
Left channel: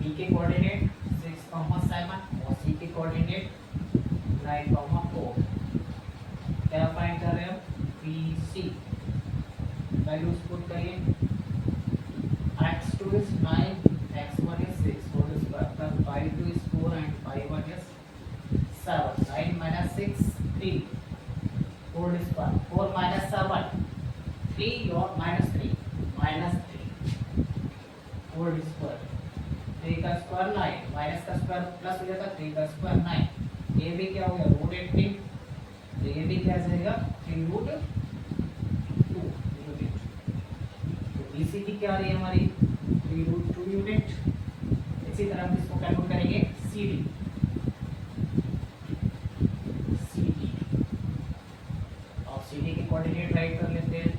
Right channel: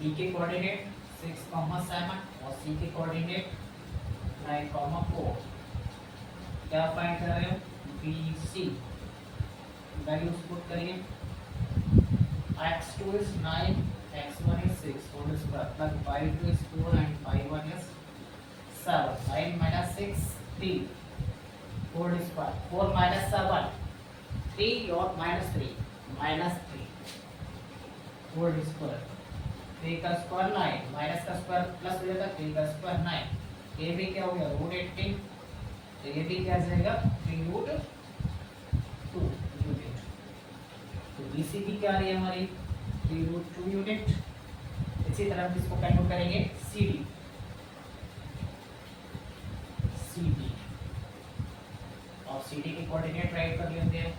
B के कोऑर्डिनेट 6,7 और C के कोऑर्डिनेट 9,4। क्या फाइंड कर रहे हो, BC वैल्यूज पुट करिए। x2 is 9, x1 is 6 whole square plus y2 is 4 and y1 is 7. 9 minus 6 3 whole square, 4 minus 7 3 और minus 3 whole square, 3 का स्क्वायर 9 माइनस का स्क्वायर प्लस हो जाता है, 3 का स्क्वायर 9। ये भी क्या हो गया रूट 18, तो ये भी क्या आ जाएगा 3 रूट 2 यूनिट। तो BC की क्या आ रही है हमारी 3 रूट 2 यूनिट। इसी तरह हम इसको कैलकुलेट करेंगे CD और CD के कोऑर्डिनेट राइट कर लेते हैं।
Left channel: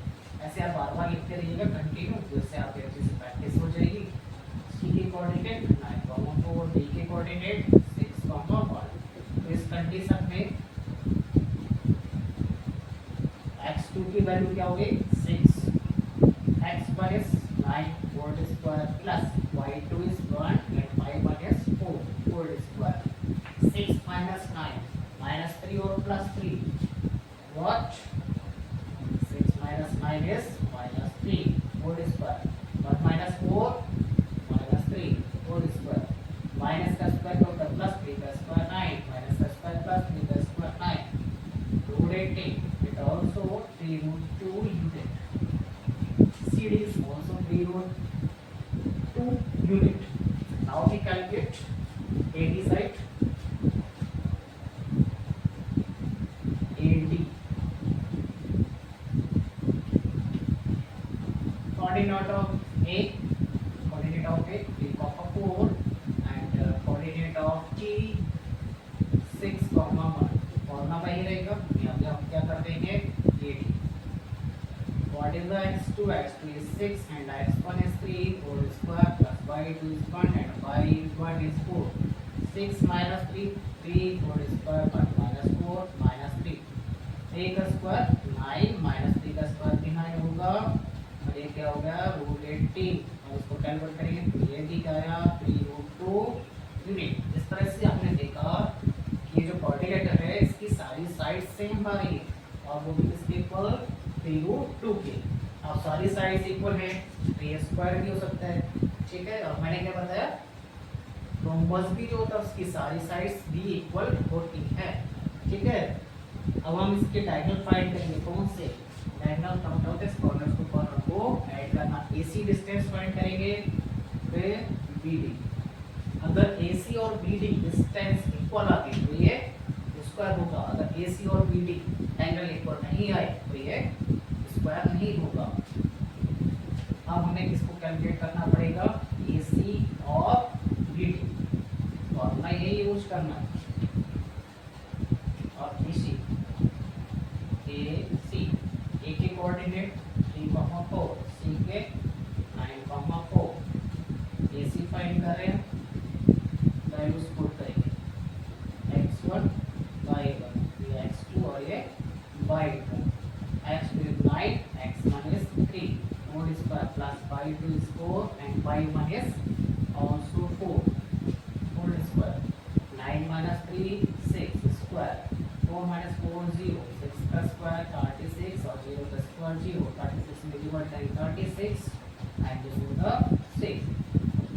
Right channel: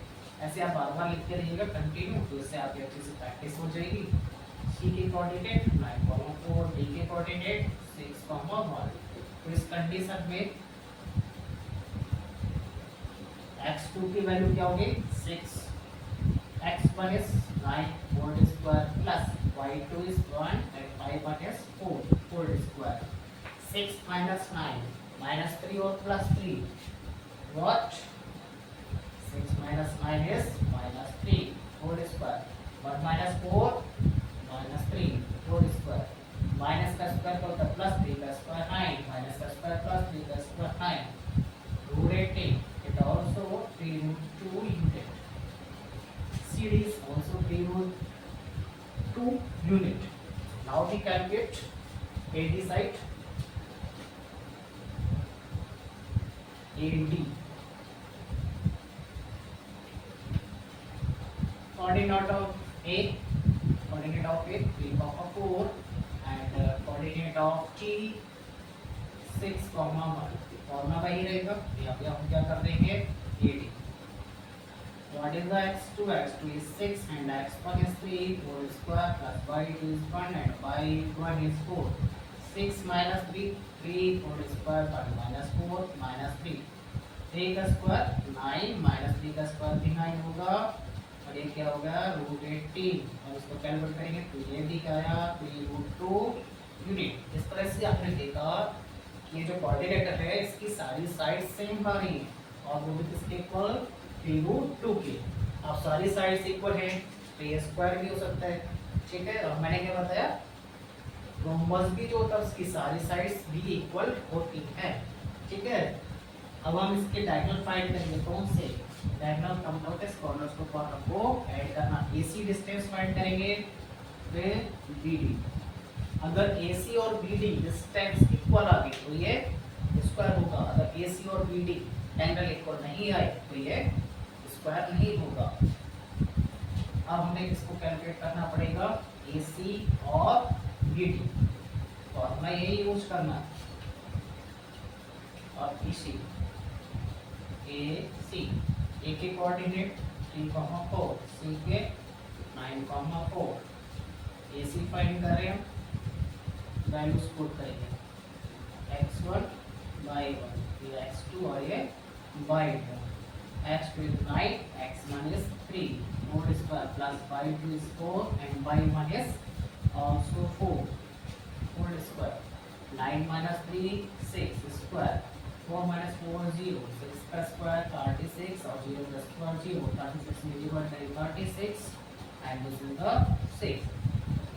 ऐसे आप बार बार लिखते रहिएगा कंटिन्यू, तो इससे आपकी अच्छे से प्रैक्टिस हो जाएगी। C के कोऑर्डिनेट 9,4, D के कोऑर्डिनेट 6,1। तो इस कंडीशन में x2 की वैल्यू क्या होगी 6, x1 is 9 whole square plus y2 is 1 and y1 is 4 whole square। 6 minus 9 minus 3 और plus 3 what 6 minus 9 is minus 3 whole square, 1 minus 4 minus 3 whole square, minus का square क्या होता है प्लस 3 का स्क्वायर 9 minus का square plus 3 का square 9 root 18 it also 3 root 2 unit। CD is also 3 root 2 unit। Now we calculate AD side, AD coordinate of A, 3,4 and coordinate of T 6,1। Formula वही रहेगा, यहाँ पे हम क्या कर देंगे AD। What is the x2? x2 is 6 and x1 is 3 whole square plus y2 is 1 and y1 is 4। 6 minus 3 3 whole square but minus 4 minus 3, 3 का square 9 minus 3 का स्क्वायर भी 9 होगा और ये क्या हो गया रूट 18। और इसको कैलकुलेट करेंगे तो ये भी क्या आया 3 रूट 2 यूनिट। इस तरह से आपने देखा कि ये जो कोऑर्डिनेटर है इसकी सारी साइड सेम आ रही है और वो भी किसके इक्वल 3 रूट 2 के। अब सारी साइड्स इक्वल है तो ये स्क्वायर भी हो सकता है, ठीक है। और मैंने क्या बताया रोम्बस भी जो होता है उसकी सारी साइड्स भी इक्वल होती है, ठीक है। अब हम इसके डायगोनल फाइंड करेंगे, कौन से डायगोनल कम होता है कॉर्नर्स को कॉर्नर को ऐड करना। AC डिस्टेंस फाइंड करेंगे फिर BD। अगर AC और BD डिस्टेंस इक्वल आ गई तो ये स्क्वायर होगा, अगर AC और BD एंगल इक्वल नहीं आए तो ये स्क्वायर नहीं होगा। अब हमें इसको कैलकुलेट करना पड़ेगा AC और BD, फॉर्मूला यही यूज करना है। और BC AC A के कोऑर्डिनेट 3,4, C के 9,4। AC फाइंड कर रहे हैं, वैल्यूज पुट करेंगे x1 y1, ये x2 और ये y2। x2 is 9, x1 is 3 whole square plus y2 is 4 and y1 is also 4 whole square। 9 minus 3 6 square, 4 minus 4 0, 6 का स्क्वायर 36 और 0 का स्क्वायर 0, 36 में डिवाइड करें 36 and this is the 6।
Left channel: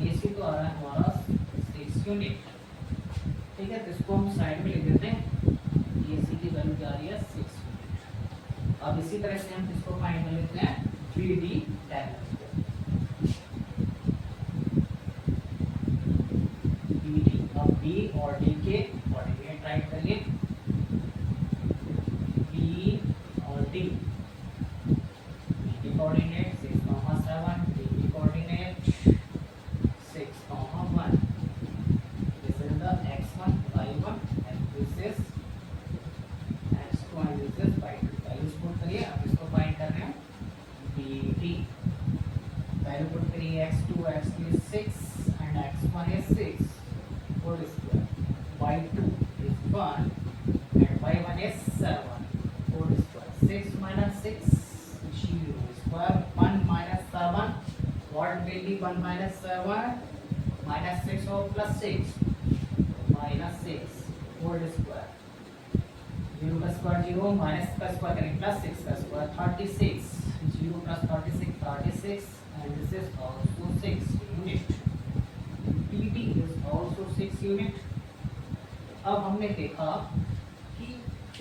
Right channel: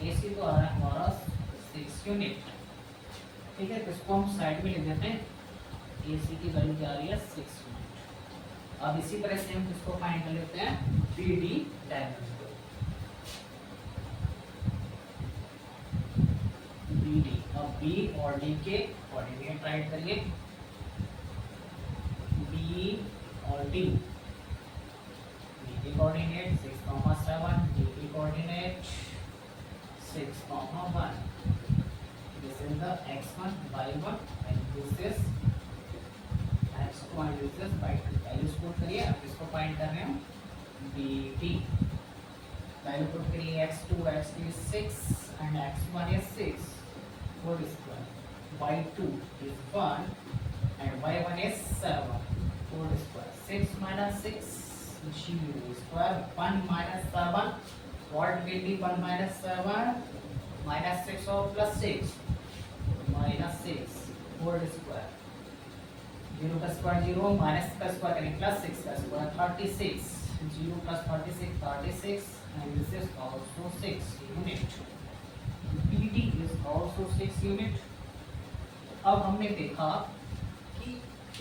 AC तो आ रहा है हमारा 6 यूनिट, ठीक है। तो इसको हम साइड में लिख देते हैं, AC की वैल्यू क्या आ रही है 6 यूनिट। अब इसी तरह से हम इसको फाइंड कर लेते हैं BD डायगोनल को। BD अब B और D के कोऑर्डिनेट राइट करिए, B और D। B के कोऑर्डिनेट 6,7, D के coordinate 6,1। This is the x1 y1 and this is x2 and this is y2। Values put करिए, अब इसको फाइंड कर रहे हैं BD। वैल्यू पुट करिए x2 is 6 and x1 is 6 whole square y2 is 1 and y1 is 7 whole square. 6 minus 6 0 square. 1 minus 7, what will be 1 minus 7? Minus 6 or plus 6? Minus 6 whole square. 0 का square 0, minus का square करें plus 6 का square 36. 0 plus 36 36 and this is also 6 unit. PD is also 6 unit. अब हमने देखा कि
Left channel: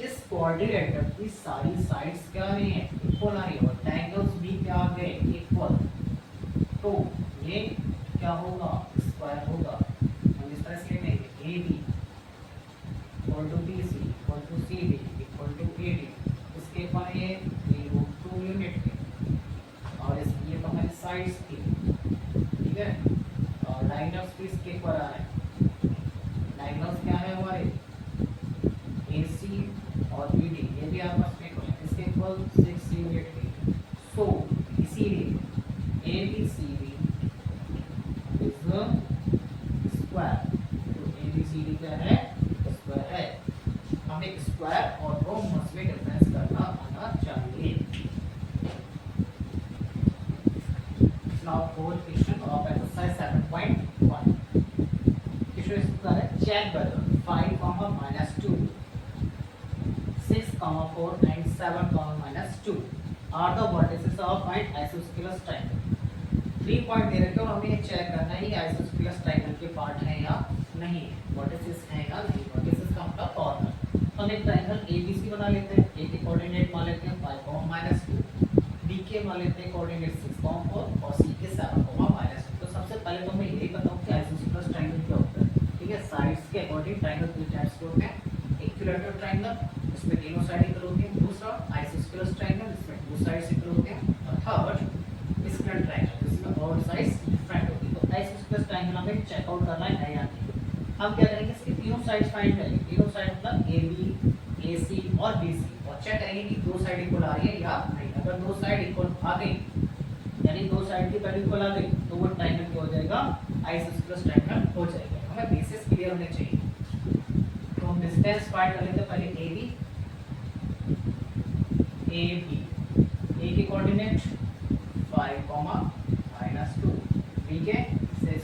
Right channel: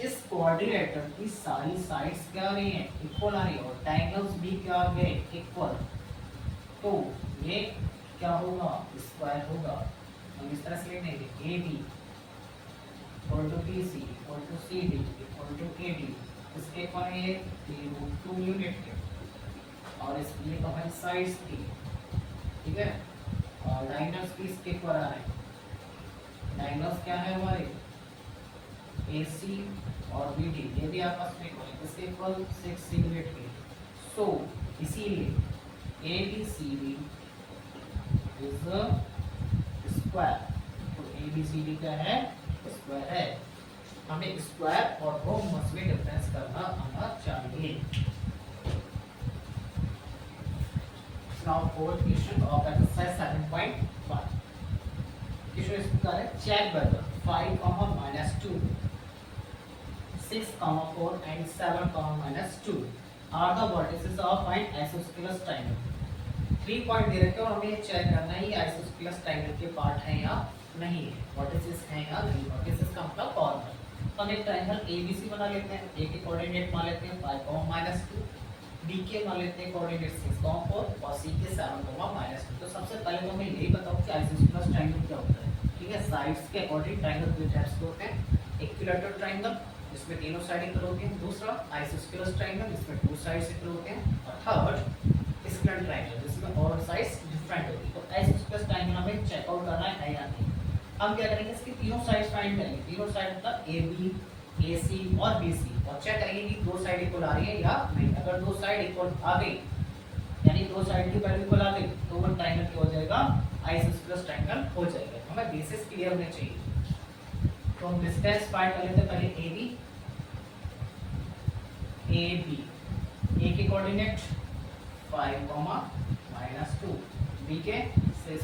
इस quadrilateral की सारी साइड्स क्या आ रही हैं, इक्वल आ रही है और ट्रायंगल्स भी क्या आ गए, इक्वल. तो ये क्या होगा, स्क्वायर होगा. हम इस तरह से लिखेंगे AB equal to BC equal to CD equal to AD. इसके पर ये 2 यूनिट है और इसलिए तो हमारी साइड्स थी, ठीक है. और डायगोनल्स भी इसके पर आ रहे हैं. डायगोनल्स क्या है हमारे, AC और BD, ये भी आपस में इक्वल है. इसके इक्वल 6 यूनिट है. सो इसीलिए ABCD इज स्क्वायर. तो ABCD क्या है, स्क्वायर है. हमें स्क्वायर और रो में डिफरेंस करना आना चाहिए. Now fourth question of exercise 7.1. Question is check whether 5, minus 2, 6, 4 and 7, minus 2 are the vertices of an isosceles triangle. 3 point दे रखे और हमें ये चेक करना है ये isosceles triangle के पार्ट है या नहीं है, वर्टिसेस हैं या नहीं. वर्टिसेस का मतलब कॉर्नर. हम एक ट्रायंगल ABC बना लेते हैं. A के कोऑर्डिनेट मान लेते हैं 5, minus 2. B के मान लेते हैं कोऑर्डिनेट 6, 4 और C के 7, minus 2. तो सबसे पहले तो हमें यही बताओ कि आइसोस्केलस ट्रायंगल क्या होता है, ठीक है. साइड्स के अकॉर्डिंग ट्रायंगल दो टाइप्स के होते हैं. इक्विलैटरल ट्रायंगल इसमें तीनों साइड इक्वल होती हैं. दूसरा आइसोस्केलस ट्रायंगल इसमें 2 साइड्स इक्वल होते हैं. और थर्ड स्क्वायर ट्रायंगल जिसमें ऑल साइड्स डिफरेंट होती है. तो आइसोस्केलस ट्रायंगल हमें चेक आउट करना है या नहीं. हम क्या करेंगे, इसकी तीनों साइड्स फाइंड करेंगे. तीनों साइड मतलब AB AC और BC और चेक करेंगे कि दो साइड इक्वल आ रही है या नहीं. अगर दो साइड इक्वल आ गई यानी दो साइड की वैल्यू इक्वल आ गई तो वो ट्रायंगल क्या हो जाएगा, आइसोस्केलस ट्रायंगल हो जाएगा. हमें बेसिस क्लियर होने चाहिए. तो हम डिस्टेंस फाइंड कर लेते हैं. पहले AB A के कोऑर्डिनेट 5, minus 2, B के 6,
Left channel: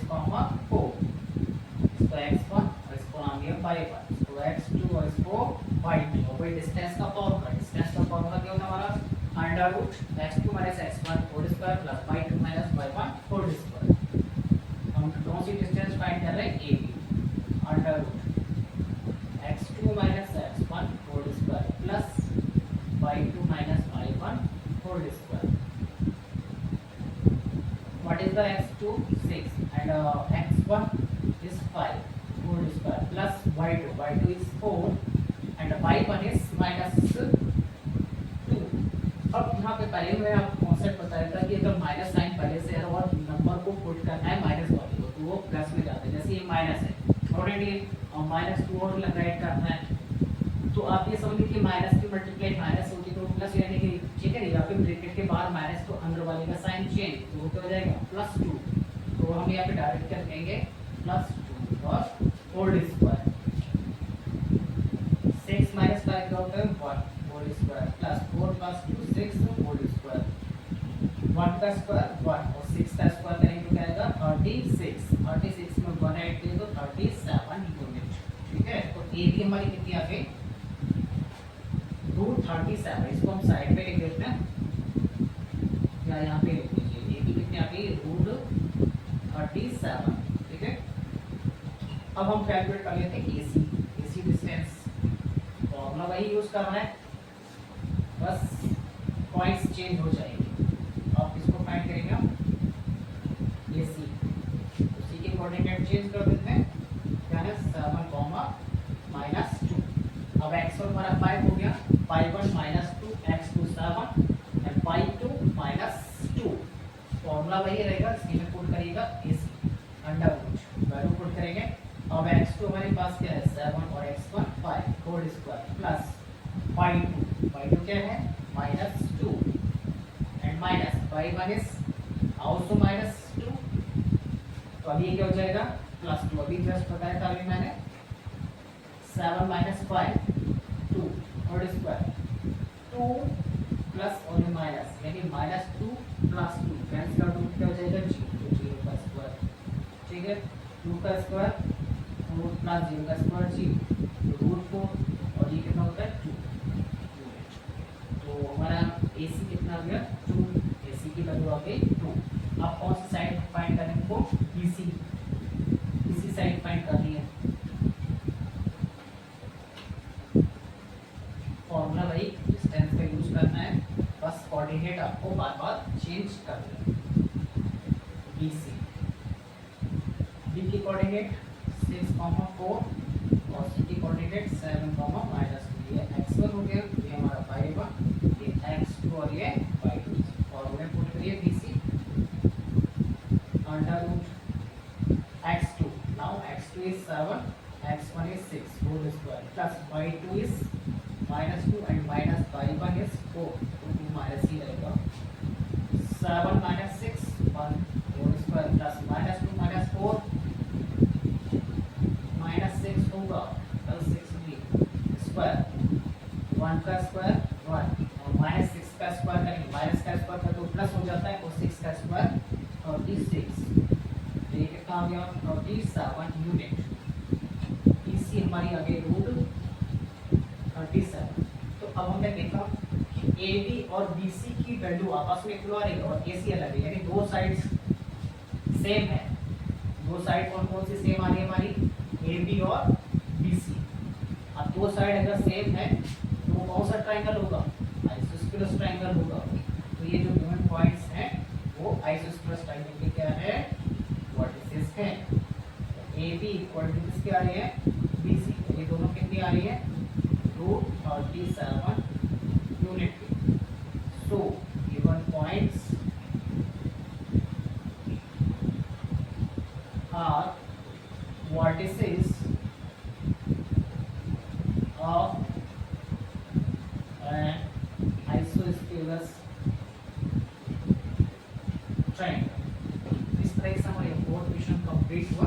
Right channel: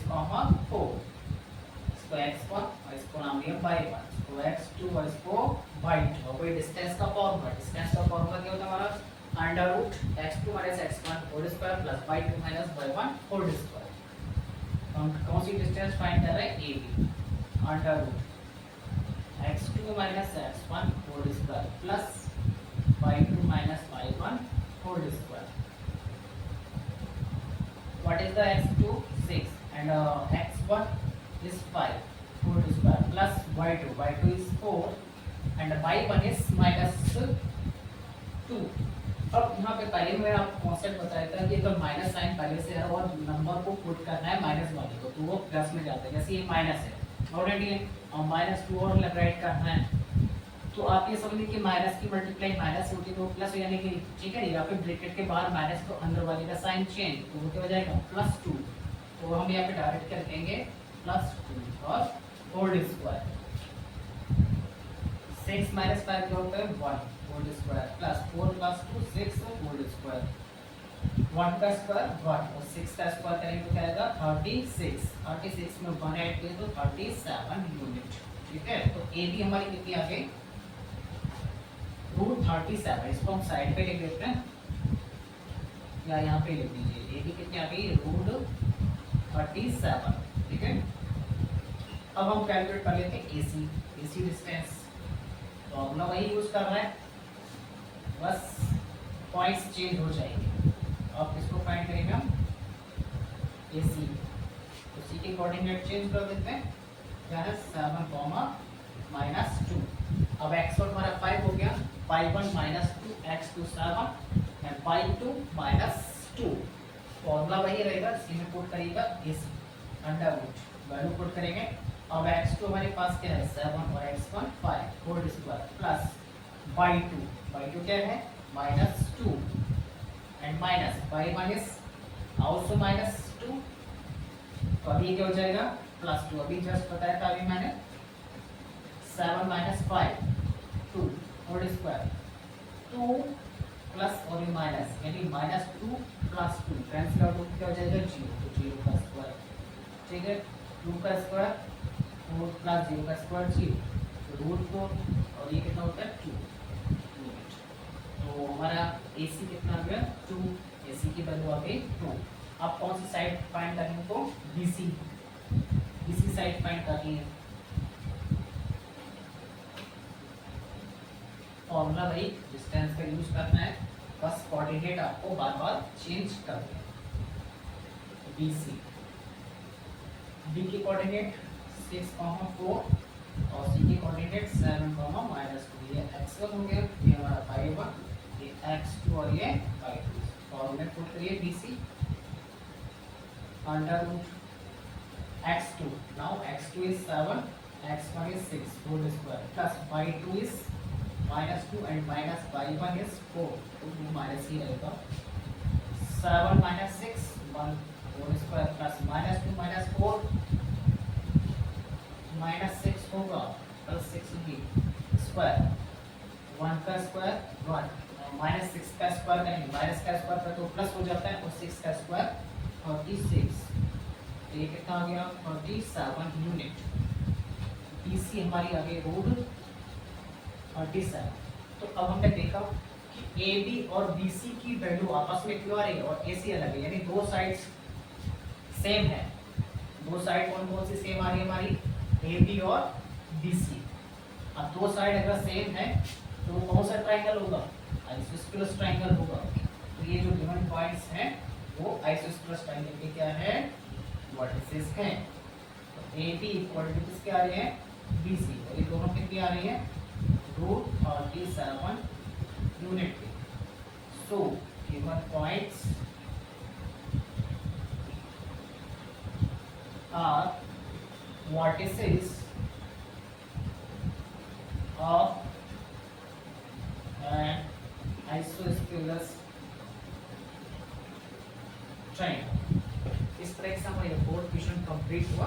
4. इसको x1 और इसको नाम दिया y1, इसको x2 और इसको y2. और कोई डिस्टेंस का फॉर्मूला, डिस्टेंस का फॉर्मूला क्या होता है हमारा, under root x2 minus x1 whole square plus y2 minus y1 whole square. हम कौन सी डिस्टेंस फाइंड कर रहे हैं, AB. Under root x2 minus x1 whole square plus y2 minus y1 whole square. What is the x2? 6 and x1 is 5 whole square plus y2 is 4 and y1 is minus 2. अब यहाँ पे पहले मैंने आपको concept बताया था कि अगर माइनस साइन पहले से है और नंबर को पुट करना है माइनस वाले को तो वो प्लस में जाते हैं. जैसे ये माइनस है ऑलरेडी और माइनस 2 और राइट करना है तो आप ये समझिए कि माइनस की मल्टीप्लाई माइनस होगी तो प्लस यानी कि ठीक है. या फिर ब्रैकेट के बाहर माइनस तो अंदर वाले का साइन चेंज तो वो क्या हो जाएगा, +2. तो हम यहाँ पे डायरेक्ट कर देंगे +2 और होल स्क्वायर. 6 minus 5 क्या होता है, 1 whole square plus 4 + 2 6 whole square. 1 का स्क्वायर 1 और 6 का स्क्वायर करेंगे तो क्या आएगा 36. 36 में 1 ऐड करें तो 37 यूनिट. ठीक है. तो ए बी हमारी कितनी आ गई, √37. इसको हम साइड पे लिख देते हैं या यहाँ पे लिख दीजिए. ए बी कितनी आ गई, √37. ठीक है. अब हम कैलकुलेट कर लेते हैं एसी. एसी डिस्टेंस तो अपना वही यूज कर रहे हैं, बस पॉइंट्स चेंज हो जाएंगे. आप इसको फाइंड करेंगे एसी तो सी के कोऑर्डिनेट चेंज कर देते हैं. क्या है 7, -2. अब x1 हमारा 5 हो गया, 5(1 - 2 x2 7 एंड 5(2 - 2). फॉर्मूला वही रहेगा, इसी में पुट करिएगा AC under root value put करेंगे. अब x2 हमारे पास क्या है 7 और x1 5 होल स्क्वायर प्लस 5(2) क्या है -2 एंड माइनस 5(1) इज आल्सो -2. तो अभी क्या हो जाएगा +2. अभी जस्ट बताया था अभी मैंने 7 minus 5 2 होल स्क्वायर 2 प्लस और माइनस यानी माइनस 2 प्लस 2 टाइम्स का रूट क्या हो जाएगा 0 तो 0 का स्क्वायर ठीक है 2 का स्क्वायर और प्लस 0 का स्क्वायर 0 रूट 4 और ये कितना होता है 2 यूनिट तो हमारा AC कितना आ गया 2 AC की वैल्यू आ गई 2 अब कौन सी साइड फाइंड करनी है हमको BC साइड फाइंड करनी है फॉर्मूला वही डिस्टेंस का यूज करना है बस कोऑर्डिनेट आपको बार बार चेंज करना है BC B की कोऑर्डिनेट 6, 4 और C की कोऑर्डिनेट 7, -2 ये x1 हो गया ये हमारा y1 ये x2 और ये y2 फॉर्मूला पुट करिए BC under root x2 now x2 is 7 x1 is 6 whole square plus y2 is -2 and minus y1 is 4 तो 2 माइनस ही रहेगा 7 minus 6 1 whole square plus -2 minus 4 -6 होगा प्लस 6 ही स्क्वायर 1 का square 1 और -6 का square करेंगे minus का square कर तो प्लस हो जाता है और 6 का स्क्वायर 36 तो ये कितना आ गया 37 यूनिट BC हमारी आगे रूट 37 तो अब हमने देखा कि AB और BC की वैल्यू आपस में क्यों आ रही है और AC अलग है यानी दो साइड्स सेम है दो साइड कौन कौन सी सेम आ रही है हमारी AB और BC अब दो साइड अगर सेम है तो वो कौन सा ट्रायंगल होगा आइसोस्केलस ट्रायंगल होगा तो ये जो गिवन पॉइंट्स हैं वो आइसोस्केलस ट्रायंगल के क्या है वर्टिसेस हैं तो AB इक्वल टू किसके आ रहे हैं BC और ये दोनों कितनी आ रही है रूट 37 यूनिट पे so given points are vertices of an isosceles triangle इस तरह से हमारा फोर्थ क्वेश्चन कंप्लीट हुआ